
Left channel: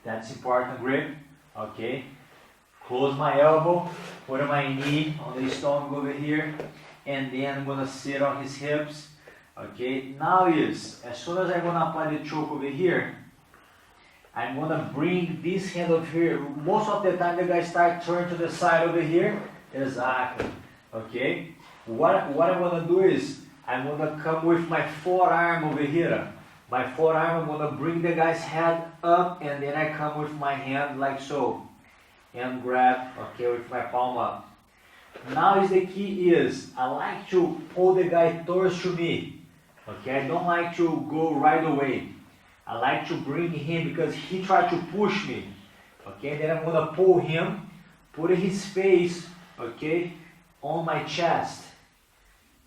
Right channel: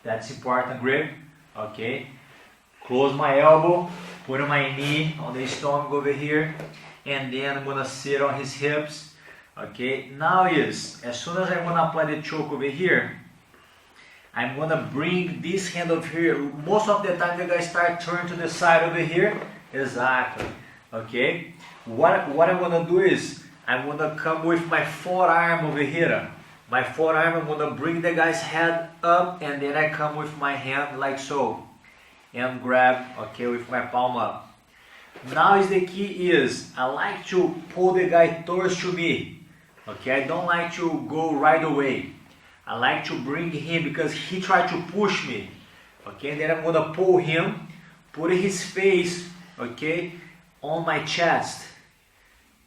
That's important grip, okay. Close my elbow, put my knee on the stomach over here, and then I'm going to sit on his hips. Okay, now as soon as I'm going to apply the choke over here, I'm going to bring this hand over here. Most of the time the guys start turning to the side over here. Exactly. Okay, what I'm going to do is, I'm going to come with my forearm over here. My forearm, I'm going to bring the guy's head up, and then I come with my hand like so. And grab, okay, with my palm up. Now the key is, I like to pull the guy towards to me. Okay, I don't like to go right away. I like to bring him because he tried to push me. Okay, and then I'm gonna pull him, put his face, okay, on my chest.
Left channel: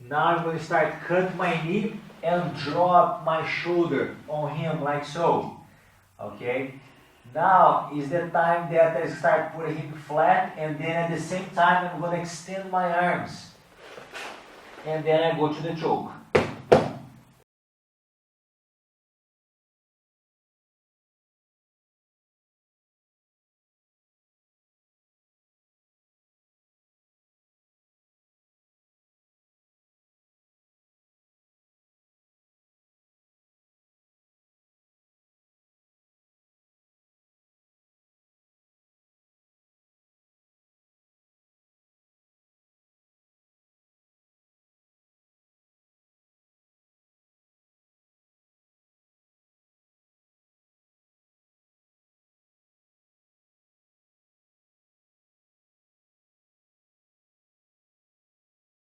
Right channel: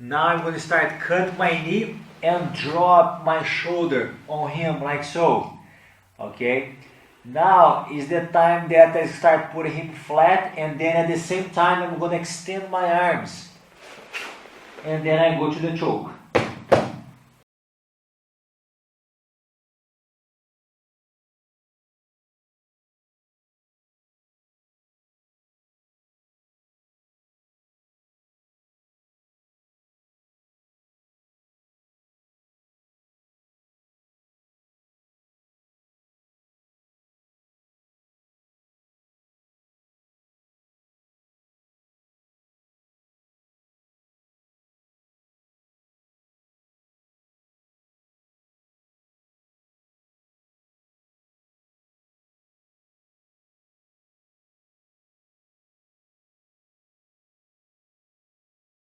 Now I'm gonna start cut my knee and drop my shoulder on him like so. Okay, now is the time that I start putting him flat, and then at the same time I'm gonna extend my arms. And then I go to the choke.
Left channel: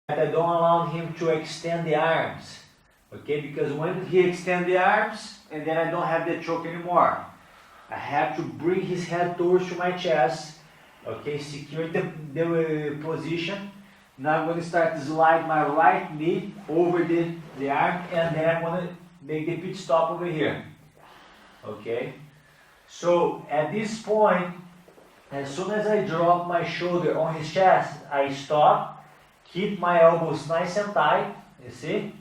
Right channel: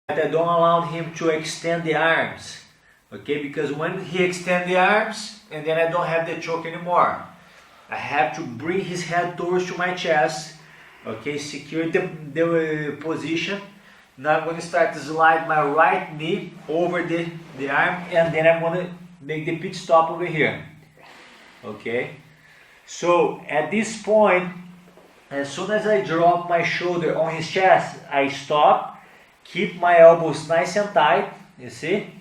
I don't allow him to extend the arms, okay, because when he extends the arms, and then I don't have the choke anymore. I have to bring his head towards to my chest, okay, secure the position. Now I'm going to start to slide my right knee over the arm, and then I'm going to make the pit stop over here, okay. So at this point, as soon as I drop my shoulder on his chest, I stop. keep my elbows nice and tight, you see?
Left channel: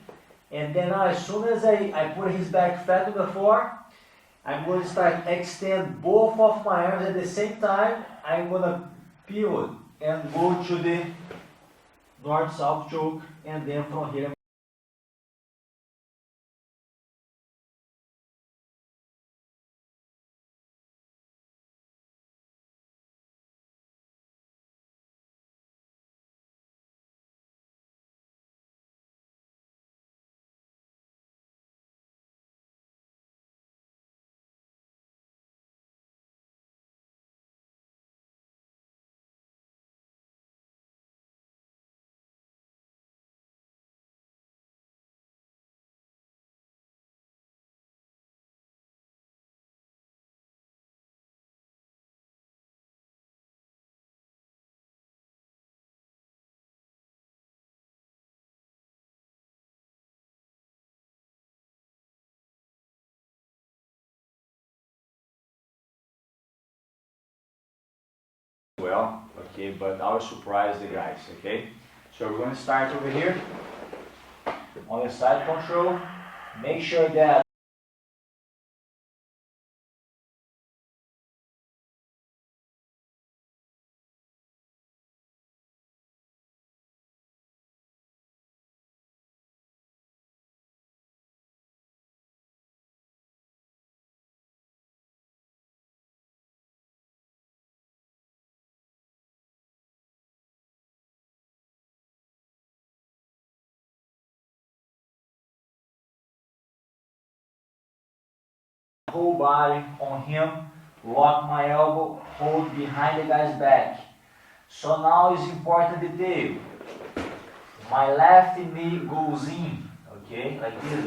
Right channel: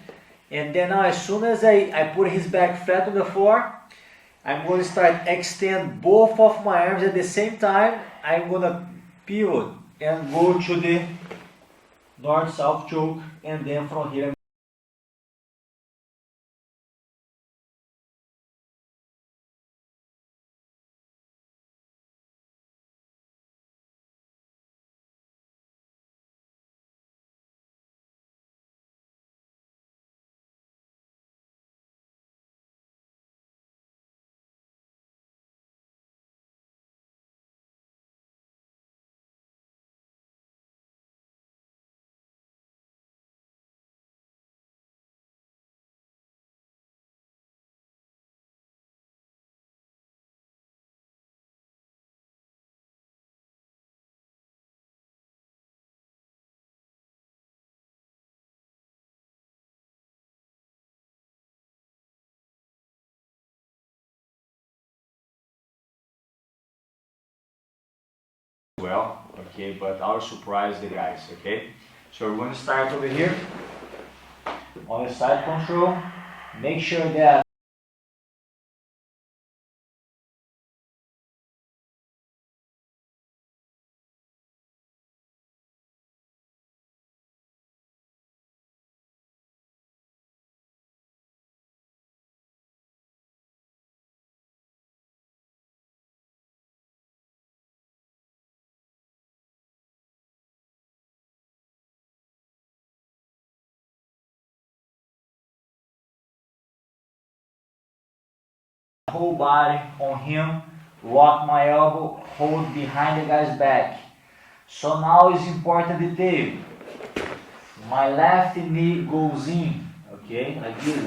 And then now as soon as I put his back flat on the floor, I'm going to start extend both of my arms at the same time. I'm going to pivot and go to the north-south choke, and then from here well, okay, but I'll surprise the guys, okay? So we're going to start over here on the side control. Make sure that whole body on him, lock my elbow, hold behind the guy's back. So now is important detail. My left knee goes in, okay, like this.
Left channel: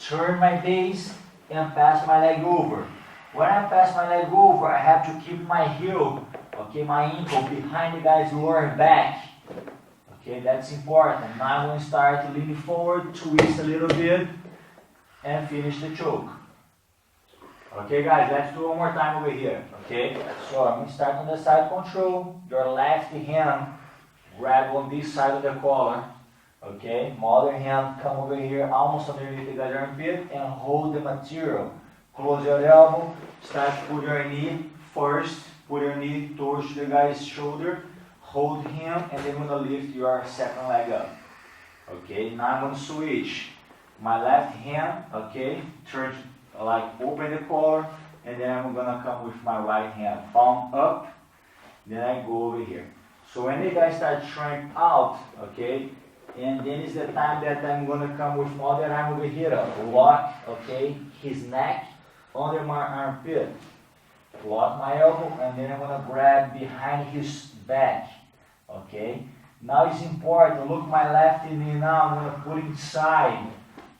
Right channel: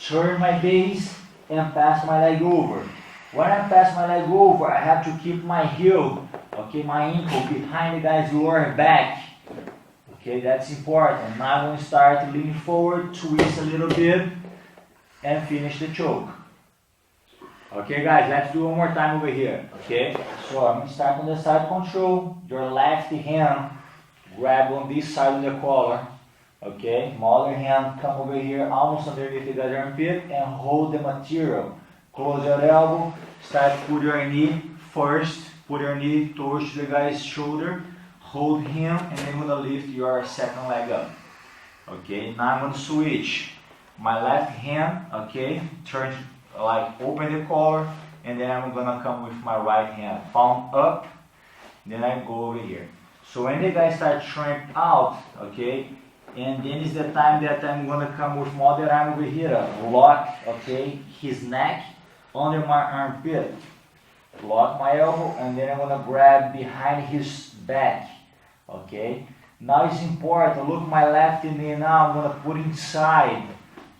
Turn my base and pass my leg over. When I pass my leg over, I have to keep my heel, okay, my ankle behind the guy's lower back. Okay, that's important. Now I'm going to start leaning forward, twist a little bit, and finish the choke. Okay guys, let's do one more time over here, okay? So I'm going to start on the side control. Your left hand grab on this side of the collar, okay? My other hand come over here almost underneath the guy's armpit and hold the material. Close your elbow, start put your knee first, put your knee towards the guy's shoulder, hold him, and then you're going to lift your second leg up. Okay, now I'm going to switch. My left hand, okay, turn like open the collar, and then I'm gonna come with my right hand, palm up, then I go over here. So when the guy starts shrinking out, okay, and then is the time that I'm gonna come with my other arm over here, lock, okay, his neck under my armpit, lock my elbow, and then I'm gonna grab behind his back, okay. Now it's important, look my left knee now, I'm gonna put inside,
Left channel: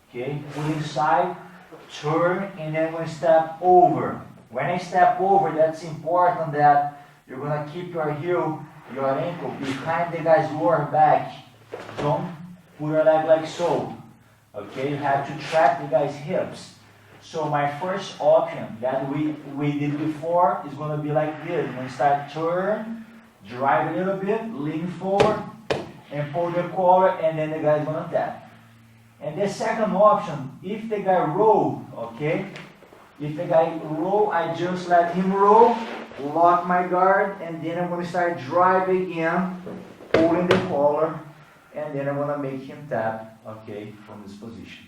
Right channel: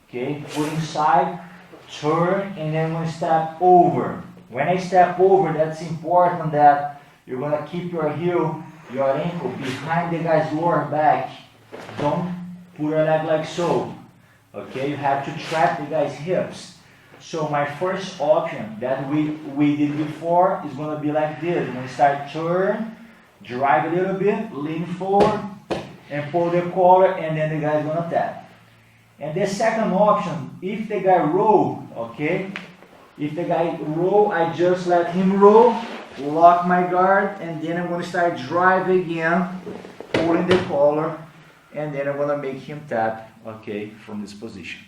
okay, put inside, turn, and then I'm going to step over. When I step over, that's important that you're going to keep your heel, your ankle behind the guy's lower back. Don't put your leg like so. Okay, you have to trap the guy's hips. So my first option that we did before is going to be like this. I'm going to start turn, drive a little bit, lean forward, and pull the collar, and then the guy's going to tap. And the second option, if the guy roll, okay, if the guy roll, I just let him roll, lock my guard, and then I'm going to start drive again, pulling the collar, and then I'm going to make him tap, okay, from this position.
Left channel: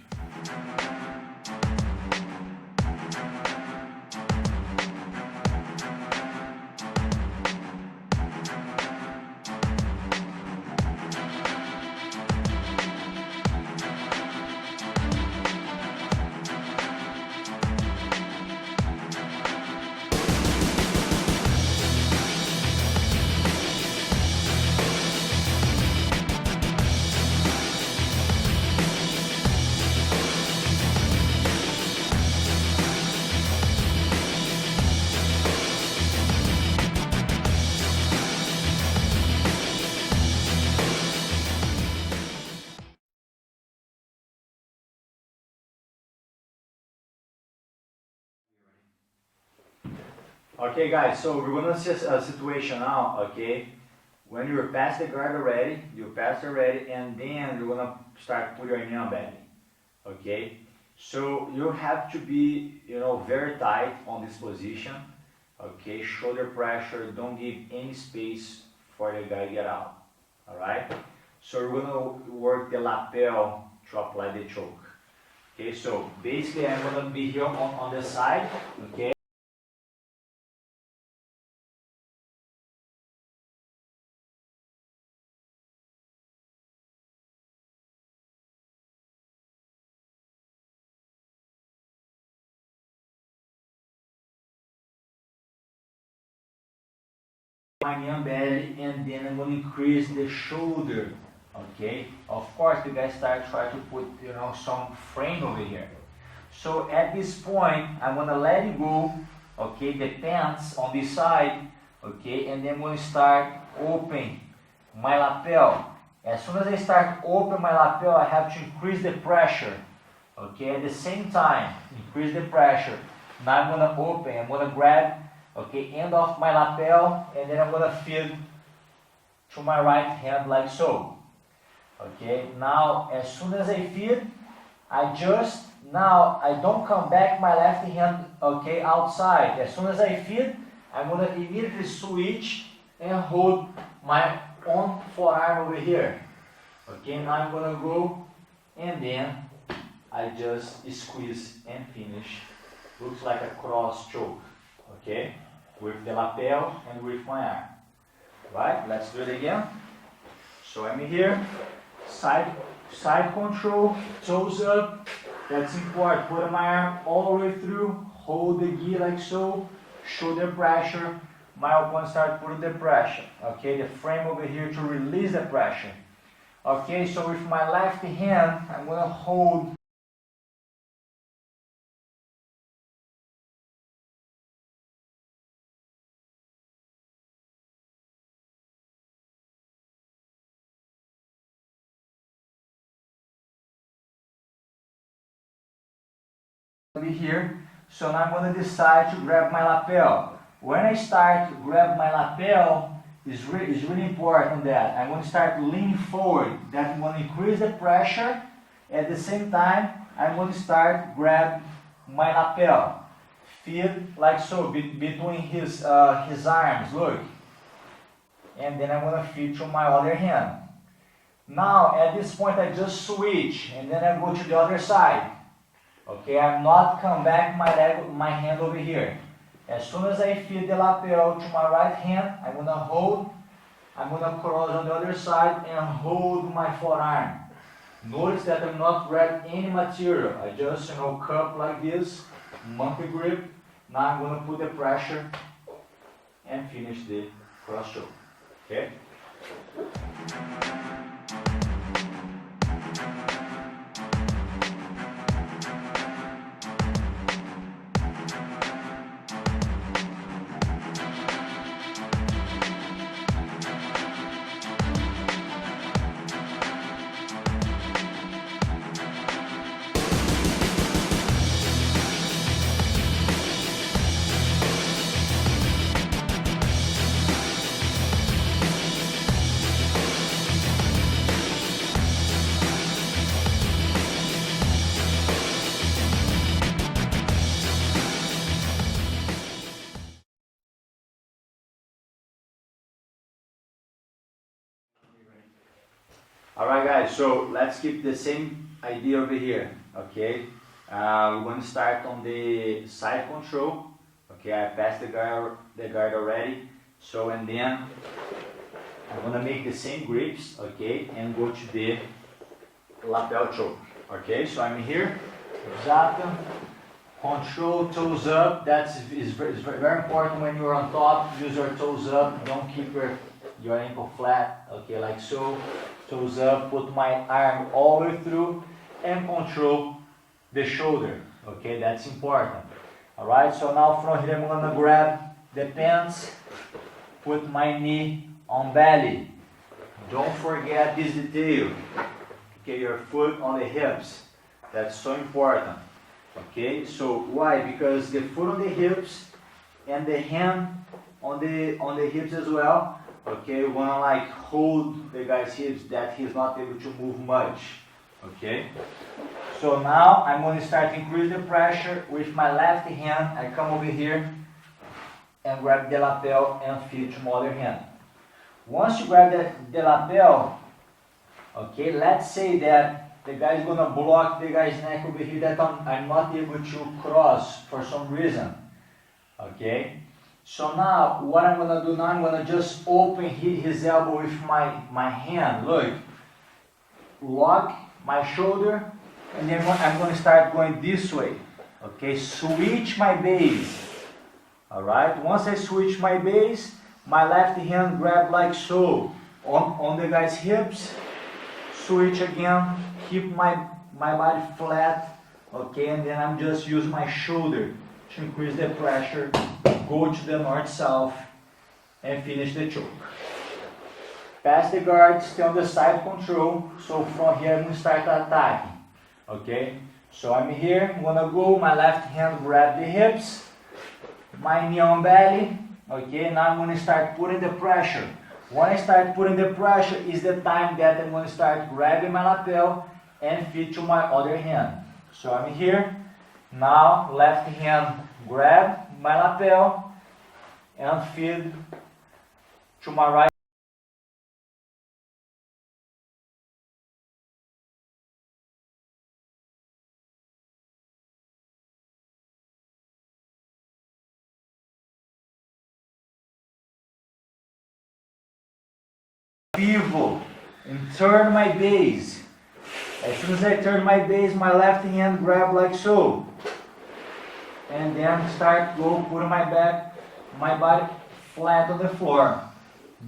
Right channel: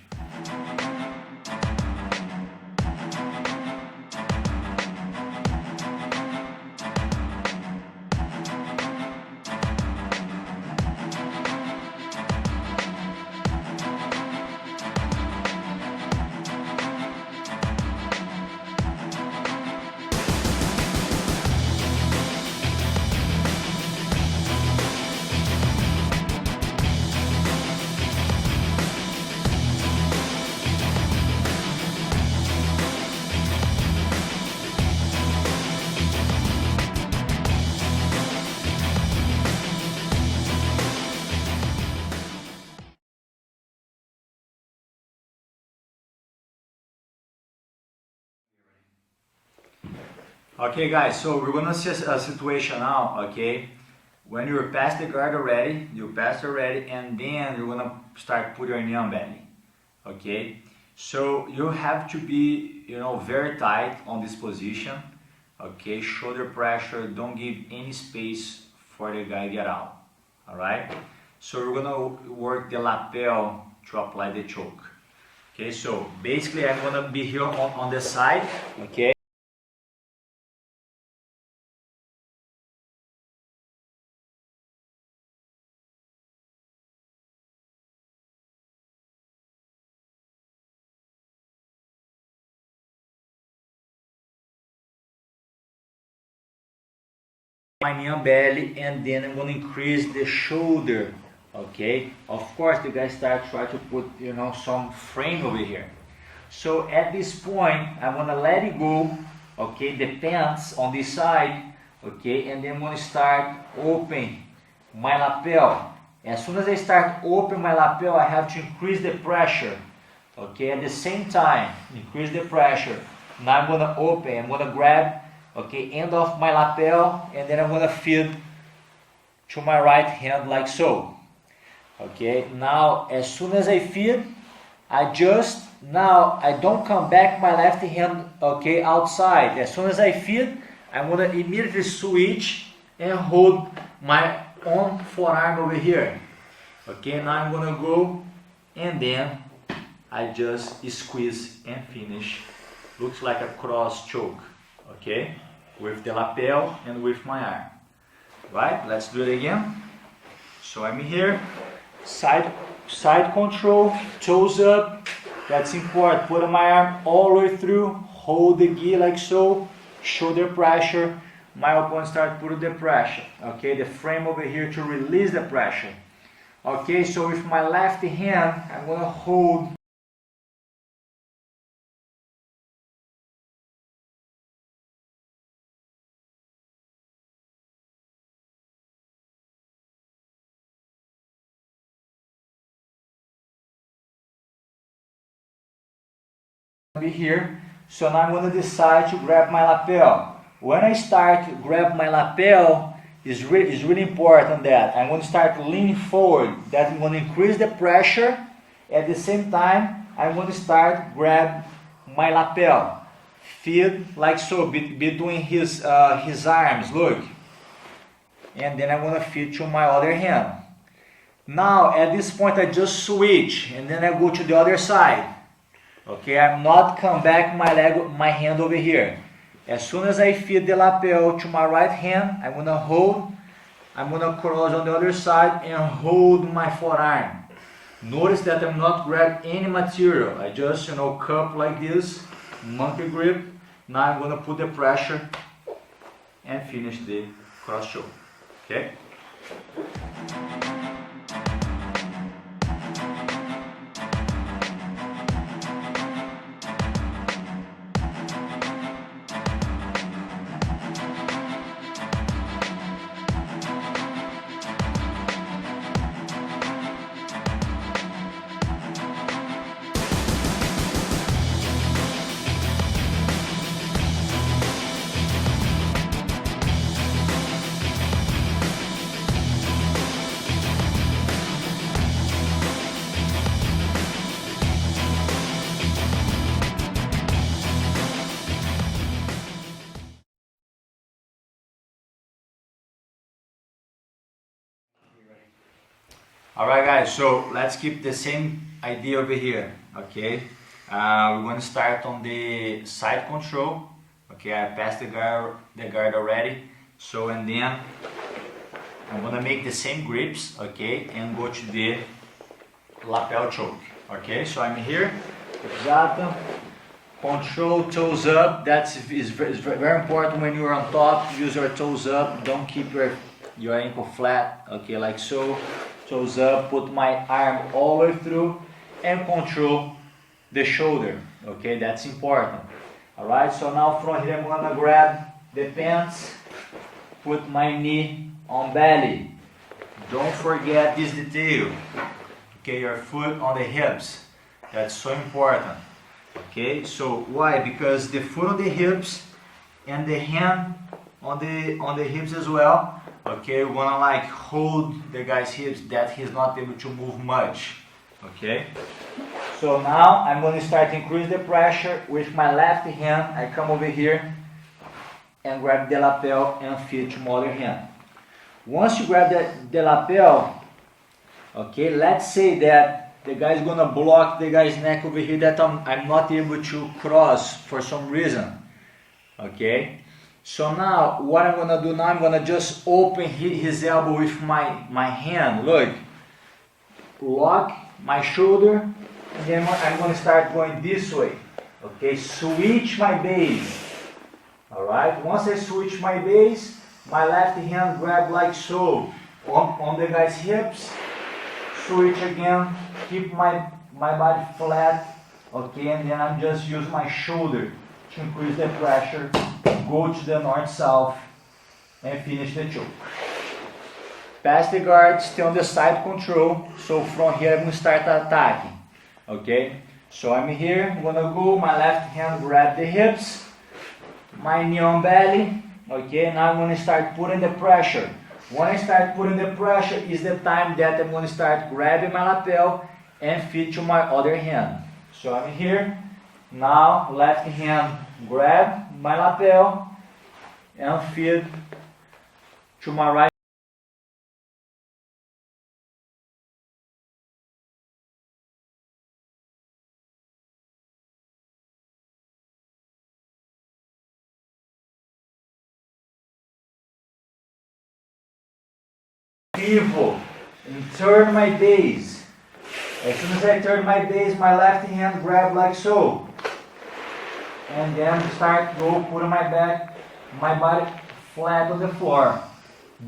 Okay guys, so we're gonna see a situation now, okay, when you're past the guard already, and then you're gonna start put your knee on belly. Okay, so you have to be, you know, very tight on this position. Okay, shoulder pressure, don't give any space for the guy to get out. All right, so we're gonna work the lapel to apply the choke. Okay, so basically I'm gonna be here on the side. Okay. My knee on belly, and then I'm gonna increase the shoulder. Okay, of course the guy try to put, you know, some frame over here. So at this point I'm gonna let it go. Okay, the pants on this side. Okay, and then I'm gonna start open my lapel. As soon as I start open my lapel, I have to increase the pressure. Okay, at the same time increase the pressure. Now I'm gonna open, I'm gonna grab, okay, end of my lapel, and then I'm gonna feed to my right hand like so. Okay, now as soon as I feed, now I don't come back my left hand, okay, outside. As soon as I feed, I'm gonna immediately switch and hold my own forearm over here. Okay, now I'm gonna go, and then I just squeeze and finish. Looks like a cross choke. Okay, with the lapel and with my arm. Right, let's do it again. So I'm here, side control, toes up, that's important. Put my arm all the way through, hold the gi like so, shoulder pressure, my opponent start putting the pressure. Okay, the frame over here to release the pressure. Okay, so with my left hand, I'm gonna hold here. So now I'm going to decide to grab my lapel. When I start to grab my lapel, is really important that I'm going to start leaning forward. That I'm going to increase the pressure. At the same time, I'm going to start grab my lapel. Feed like so, between his arms, look. And then I'm going to feed to my other hand. Now at this point I just switch, and then I go to the other side. Okay, I'm not come back my hand over here. As soon as I feed the lapel to my right hand, I'm gonna hold, I'm gonna cross on the other side and hold my forearm. Notice that I'm not grab any material. I just, you know, cup like this, monkey grip. Now I'm gonna put the pressure and finish the cross choke. Okay? Alright guys, so let's keep the same idea over here, okay? We're going to start on the side control, okay? I passed the guard already, so and then I'm going to make the same grips, okay? And go to the lapel choke, okay? So I'm here, exato, control, toes up. That's very important when you're on top. Use your toes up, don't keep your ankle flat, okay, like so. Toes up, put my arm all the way through and control the shoulder. Okay, that's important. Alright, so now from here I'm gonna grab the pants, put my knee on belly. Don't forget this detail. Okay, your foot on the hips. That's so important. Okay, so why? Because the foot on the hips and the hand on the hips as well Okay, we wanna like hold the guy's hips that he's not able to move much. Okay. So now I'm going to start to increase the pressure with my left hand. I come over here and grab the lapel and feed to my other hand. Once you grab the lapel, okay, let's say that the guy is gonna block the guy's neck over here that I'm not able to cross for some reason. Okay, so now what I'm gonna do now, I'm gonna just open his elbow with my hand. Look, lock my shoulder, and then I'm gonna start going this way. Okay, switch my base. Alright, once I switch my base, my left hand grab like so on the guy's hips, switch again, keep my body flat, okay, and then I'm just use my shoulder to increase the pressure, go to the north-south, and finish the choke. Pass the guard, stay on the side control, so from here I'm going to start attacking, okay, so I'm here, I'm going to go, my left hand grab the hips, my knee on belly, okay, now I'm going to start putting the pressure. When I start putting the pressure is the time that I'm going to start grabbing my lapel and feed to my other hand. So I'm here, now left hand grab my lapel and feed to my right. Pivot and turn my base. As soon as I turn my base, my left hand grab like so, and then start go putting my body flat on the floor.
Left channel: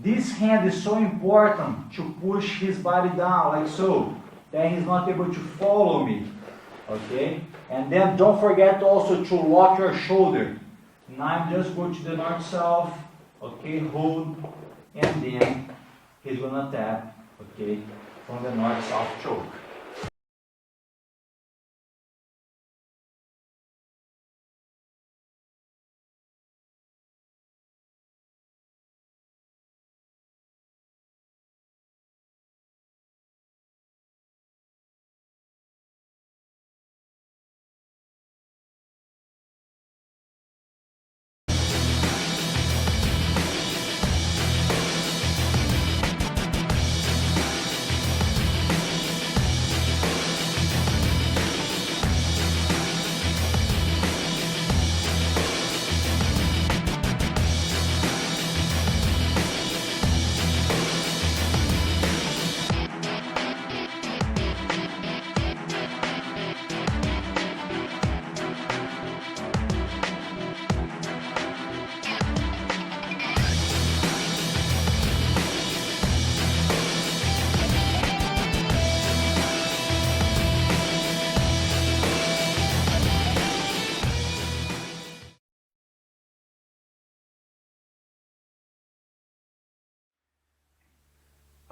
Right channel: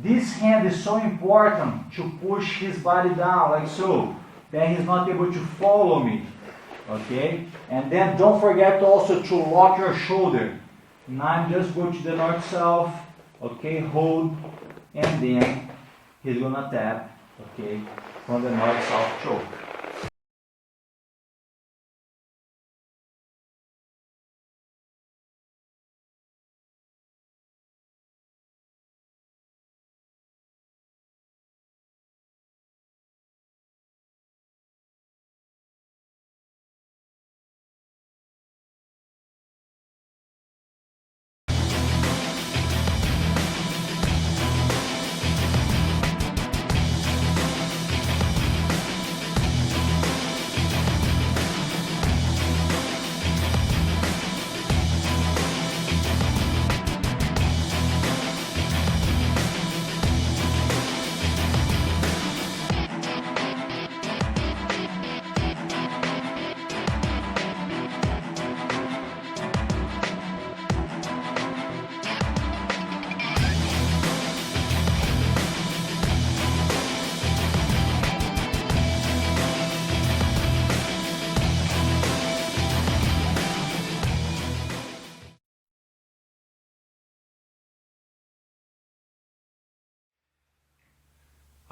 This hand is so important to push his body down like so, that he's not able to follow me. Okay, and then don't forget also to lock your shoulder. Now I'm just going to the north-south. Okay, hold, and then he's gonna tap, okay, from the north-south choke.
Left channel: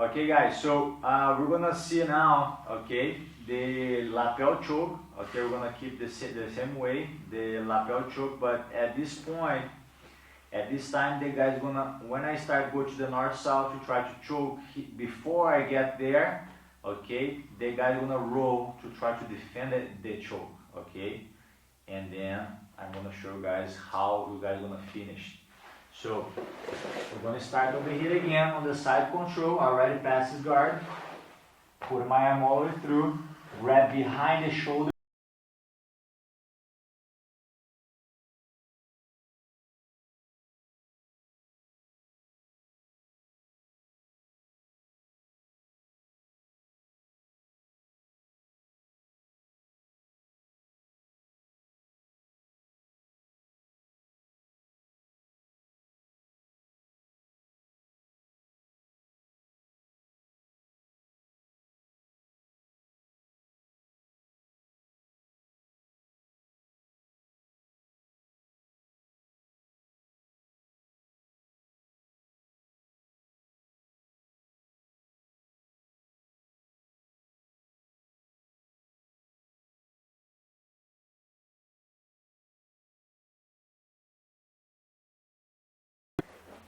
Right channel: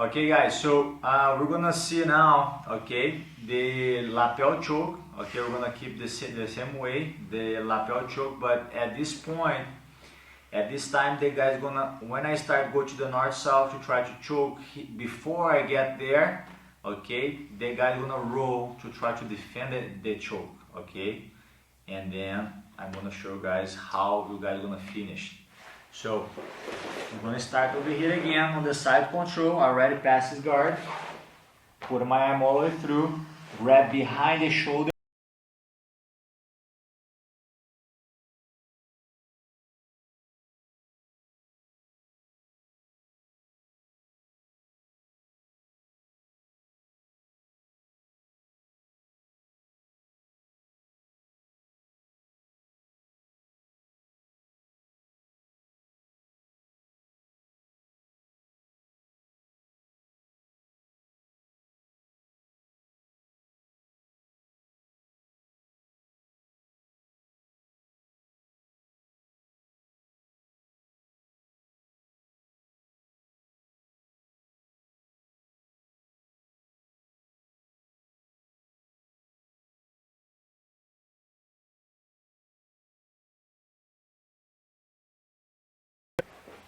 Okay guys, so we're gonna see now, okay, the lapel choke. Okay, we're gonna keep the same way, the lapel choke, but at this point, at this time, the guy's gonna, when I start go to the north-south to try to choke, before I get there, okay, the guy's gonna roll to try to defend the choke, okay, and then I'm gonna show you guys how you guys gonna finish. So I'm going to start over here again on the side control. I already passed his guard. Put my arm all the way through. Grab behind the shoulder.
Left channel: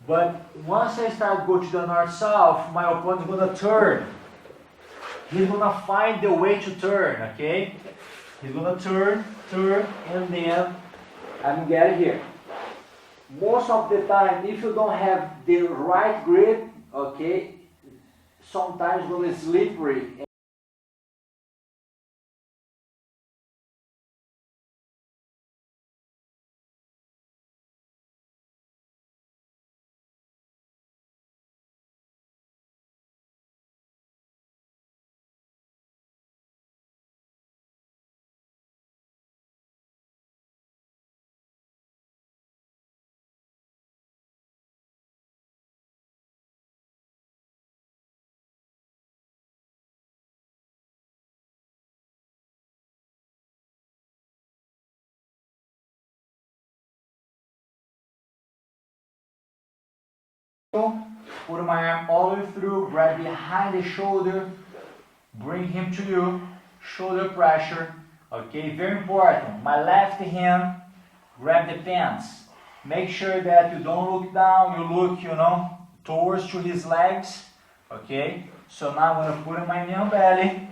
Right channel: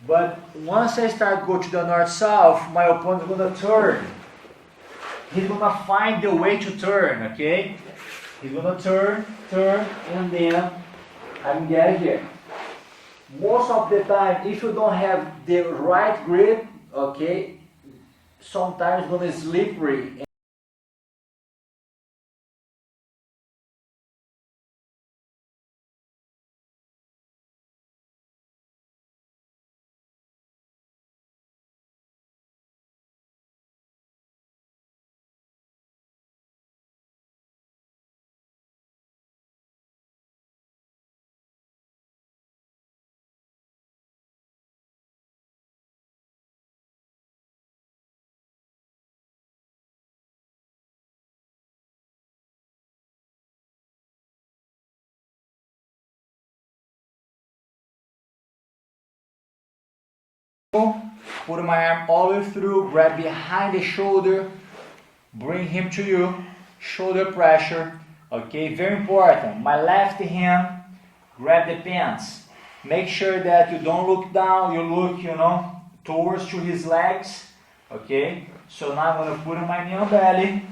But once I start go to the north-south, my opponent is gonna turn. He's gonna find the way to turn, okay? He's gonna turn, and then I'm getting here. Most of the time, if you don't have the right grip, okay, sometimes it's gonna slippery. Put my arm all the way through, grab behind the shoulder, bring him to you, shoulder pressure, okay, very important. My left hand, grab the pants. Make sure that you don't look down, you look, towards to his legs, okay. So now I'm going to put my knee on belly.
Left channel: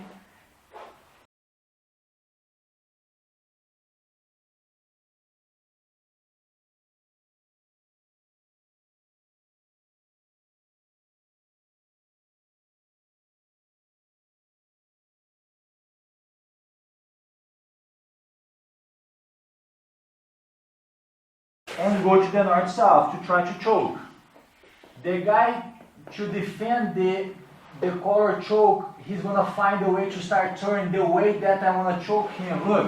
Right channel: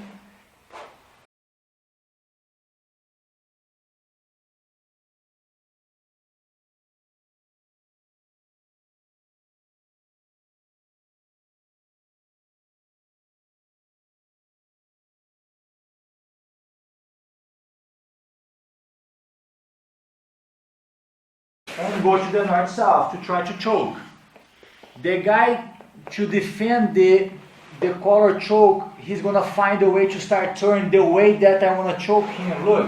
And go to the north-south to try to choke. The guy, to defend the collar choke, he's gonna find a way to start turning the way that I wanna choke him. Look,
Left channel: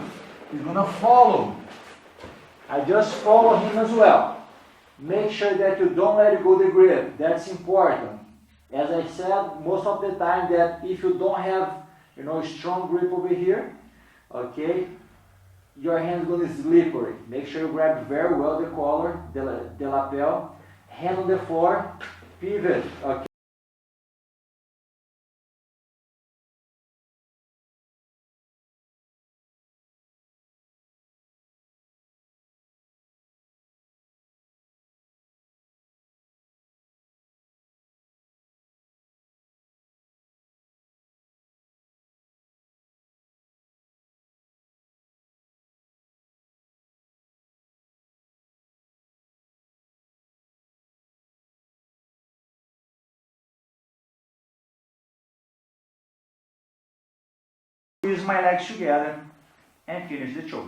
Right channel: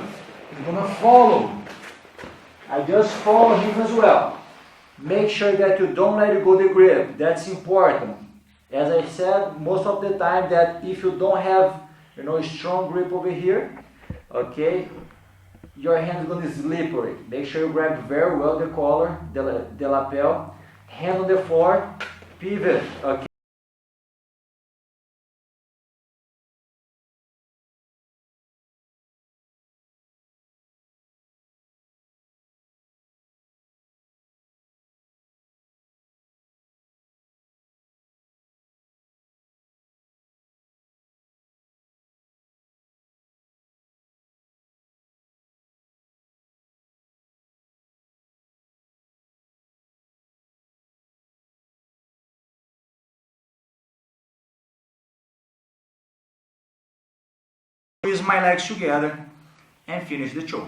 he's gonna follow. I just follow him as well. Make sure that you don't let go the grip. That's important. As I said, most of the time that if you don't have, a strong grip over here, okay, your hand is going to be slippery. Make sure you grab very well the collar, the lapel, hand on the floor, pivot, okay. Squeeze my legs together and finish the choke.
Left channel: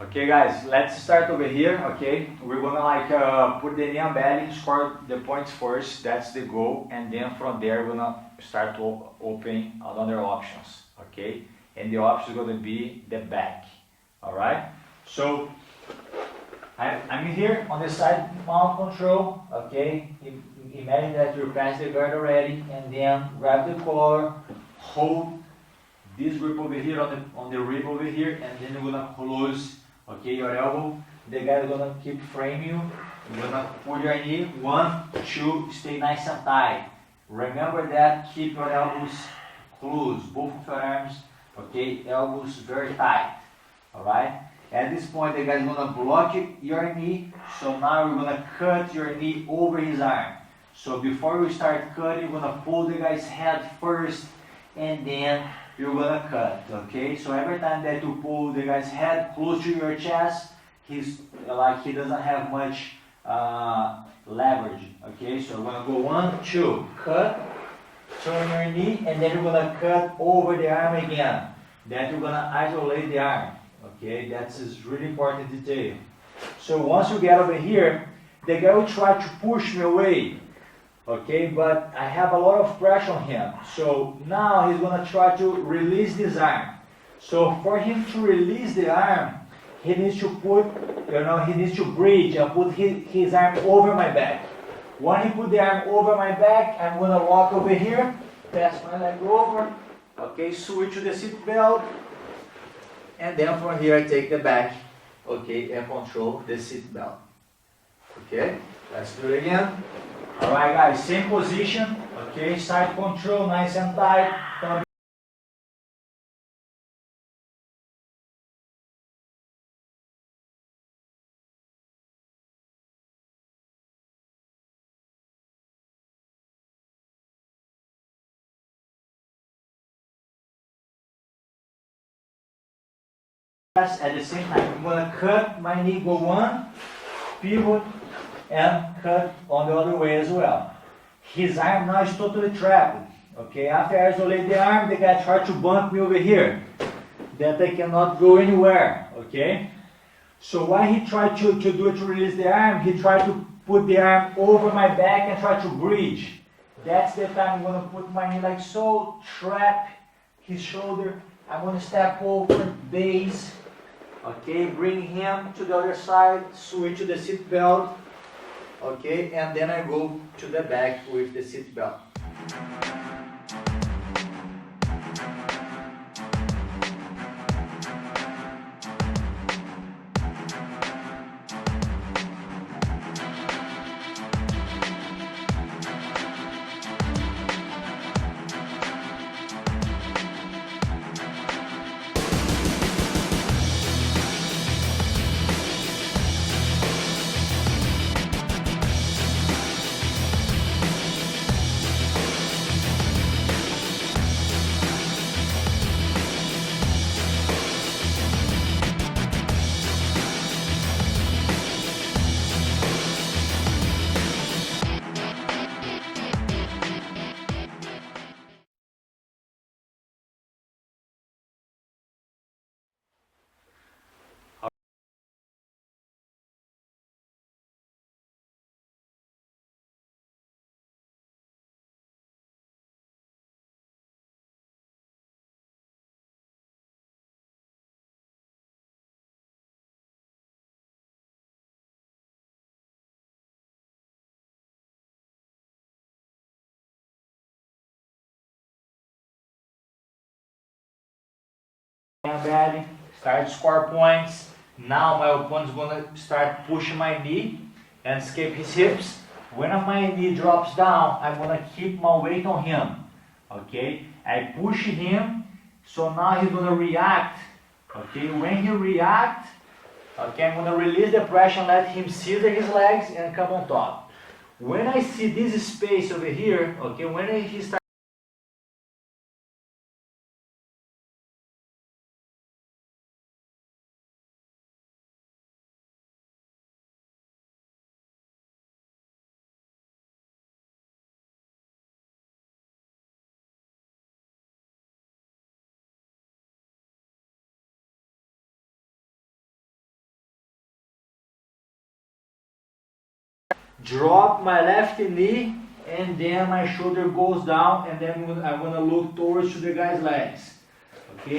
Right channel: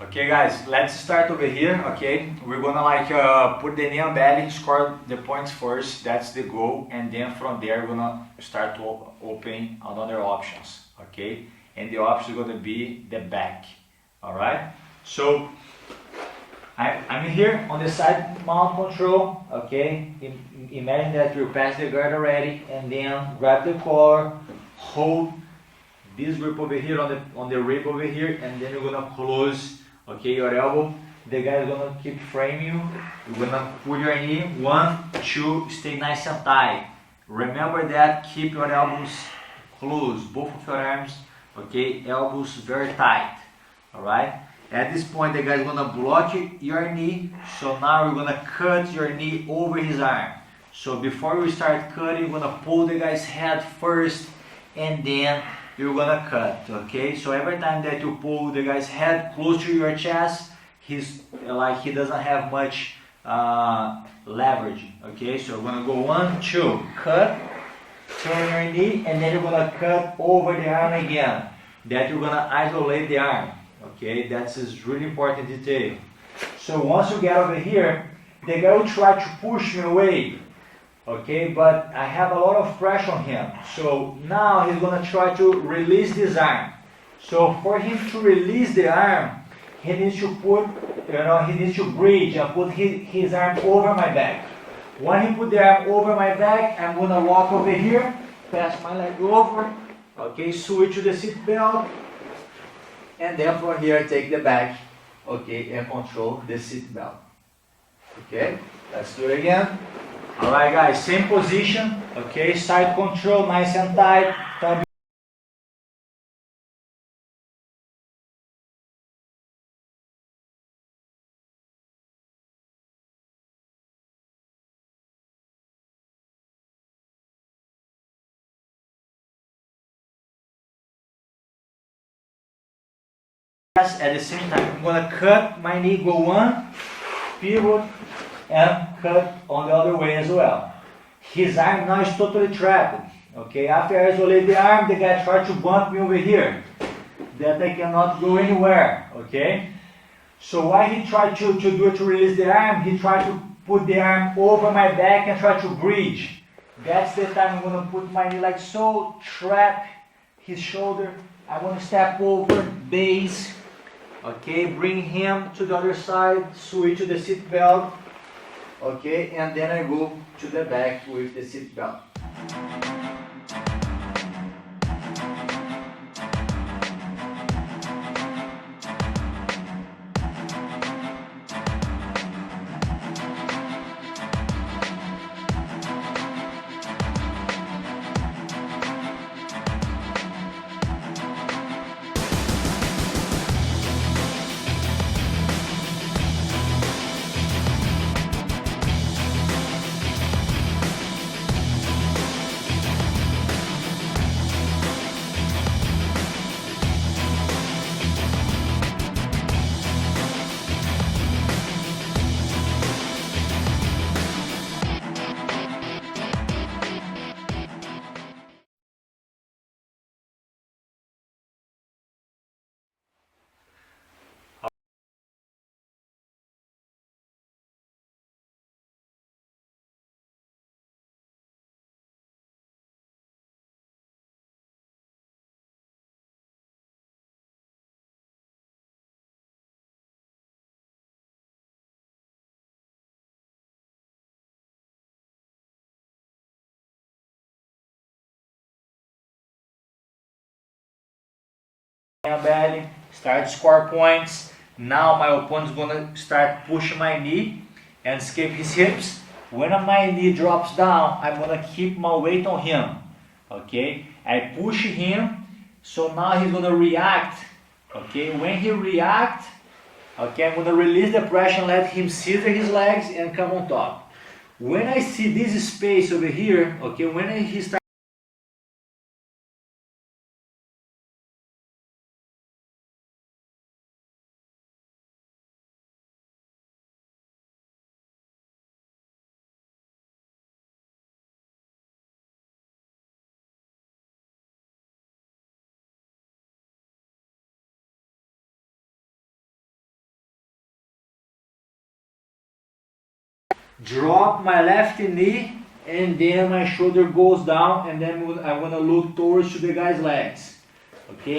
Okay guys, let's start over here, okay? We're gonna put the knee on belly, score the points first, that's the goal, and then from there we're gonna start to open another options, okay? And the option is gonna be the back, alright? So, I'm here on the side mount control, okay? Imagine that you pass the guard already, and then grab the collar, hold this grip over here on the rib over here, and then you're gonna close, okay, your elbow. The guy is gonna keep framing you. You're gonna pull your knee, 1, 2, stay nice and tight. Remember that, keep your elbows closed, both of your arms, okay, elbows very tight, alright? At this point, the guy is gonna block your knee, so now you're gonna cut your knee over his arm. So before you start cutting, you're gonna pull the guy's head first, and then you're gonna cut, okay? So every time that you pull the guy's head close to your chest, he's like he doesn't have much leverage, okay? So we're gonna go 1, 2, cut, turn your knee, and then you're gonna cut over the arm again. That you're gonna isolate the arm, Okay, that's a really important detail. So once you get over here, the guy will try to push me away. Okay, but I have a lot of pressure on him. So now he's gonna try to release this arm. So for him to release the arm, he needs to put, he needs to bridge and put his arm over my back. When he put the arm over my back, I'm gonna walk over here, pass my leg over, okay, switch to the seat belt, and then from here I take the back, okay, and control the seat belt. Okay, let's do it again. Alright guys, same position, okay, side control, nice and tight, thumb at the same time. I'm gonna cut my knee, go one, pivot, and cut on the other way as well. His arm now is totally trapped. Okay, after I isolate the arm, the guy tried to bump me over here. That I cannot go anywhere. Okay? So what he tried to do to release the arm, he tried to put the arm over my back and try to bridge. That's the time I'm gonna put my knee like so, trap his shoulder. I'm gonna step over, base. Okay, bring him to the other side, switch to the seat belt. Okay, and then I go to the back with the seat belt. Belly, start to score points. Now my opponent's gonna start pushing my knee and escape his hips. When my knee drops down, I'm gonna keep my weight on him. Okay, I push him, so now he's gonna react. Okay, when he reacts, okay, I'm gonna release the pressure and let him scissor his legs and come on top. When I see this space over here, okay, when he starts drop my left knee and then my shoulder goes down and then I'm gonna look towards to the guy's legs. Okay.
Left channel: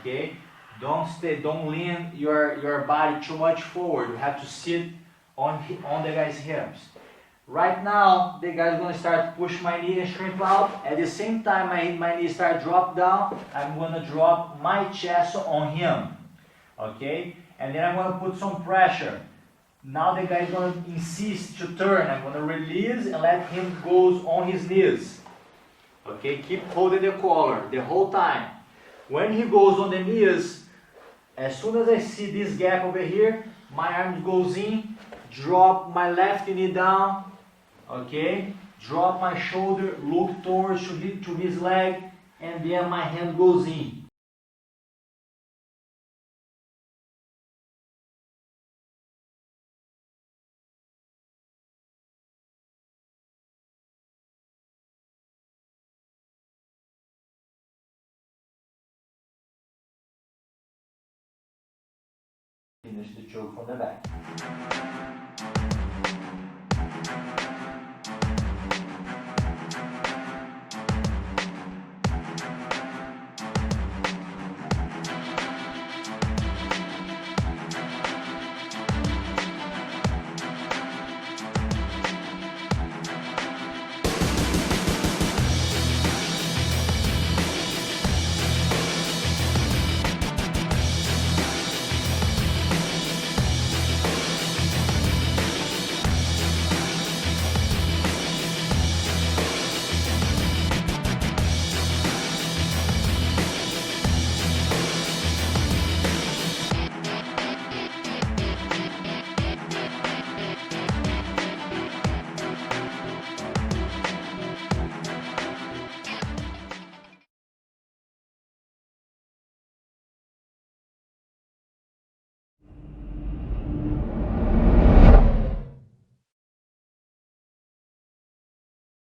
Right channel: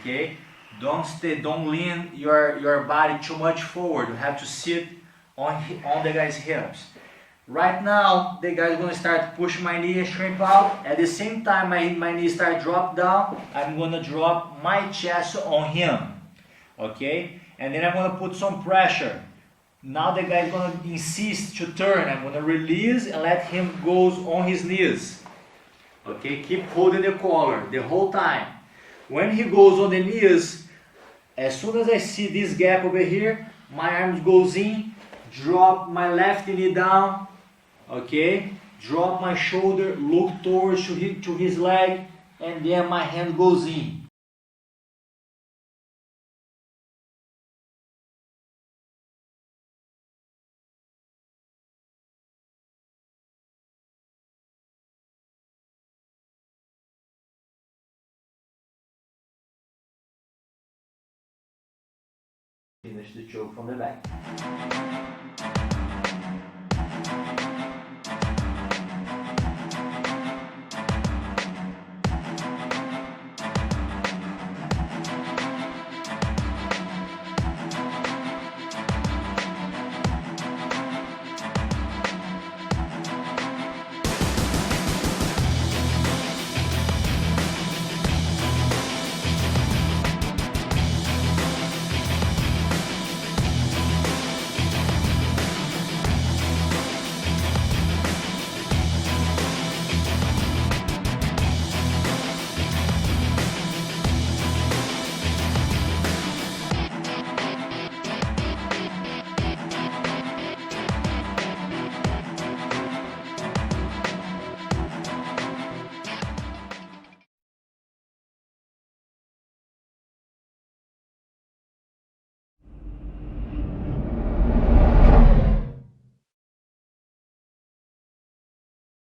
Okay, don't lean your body too much forward. You have to sit on the guy's hips. Right now, the guy's gonna start push my knee and shrimp out. At the same time, my knee start drop down. I'm gonna drop my chest on him. Okay, and then I'm gonna put some pressure. Now the guy's gonna insist to turn. I'm gonna release and let him go on his knees. Okay, keep holding the collar the whole time. When he goes on the knees, as soon as I see this gap over here, my arms goes in, drop my left knee down, okay? Drop my shoulder, look towards to his leg, and then my hand goes in. Finish the choke from the back.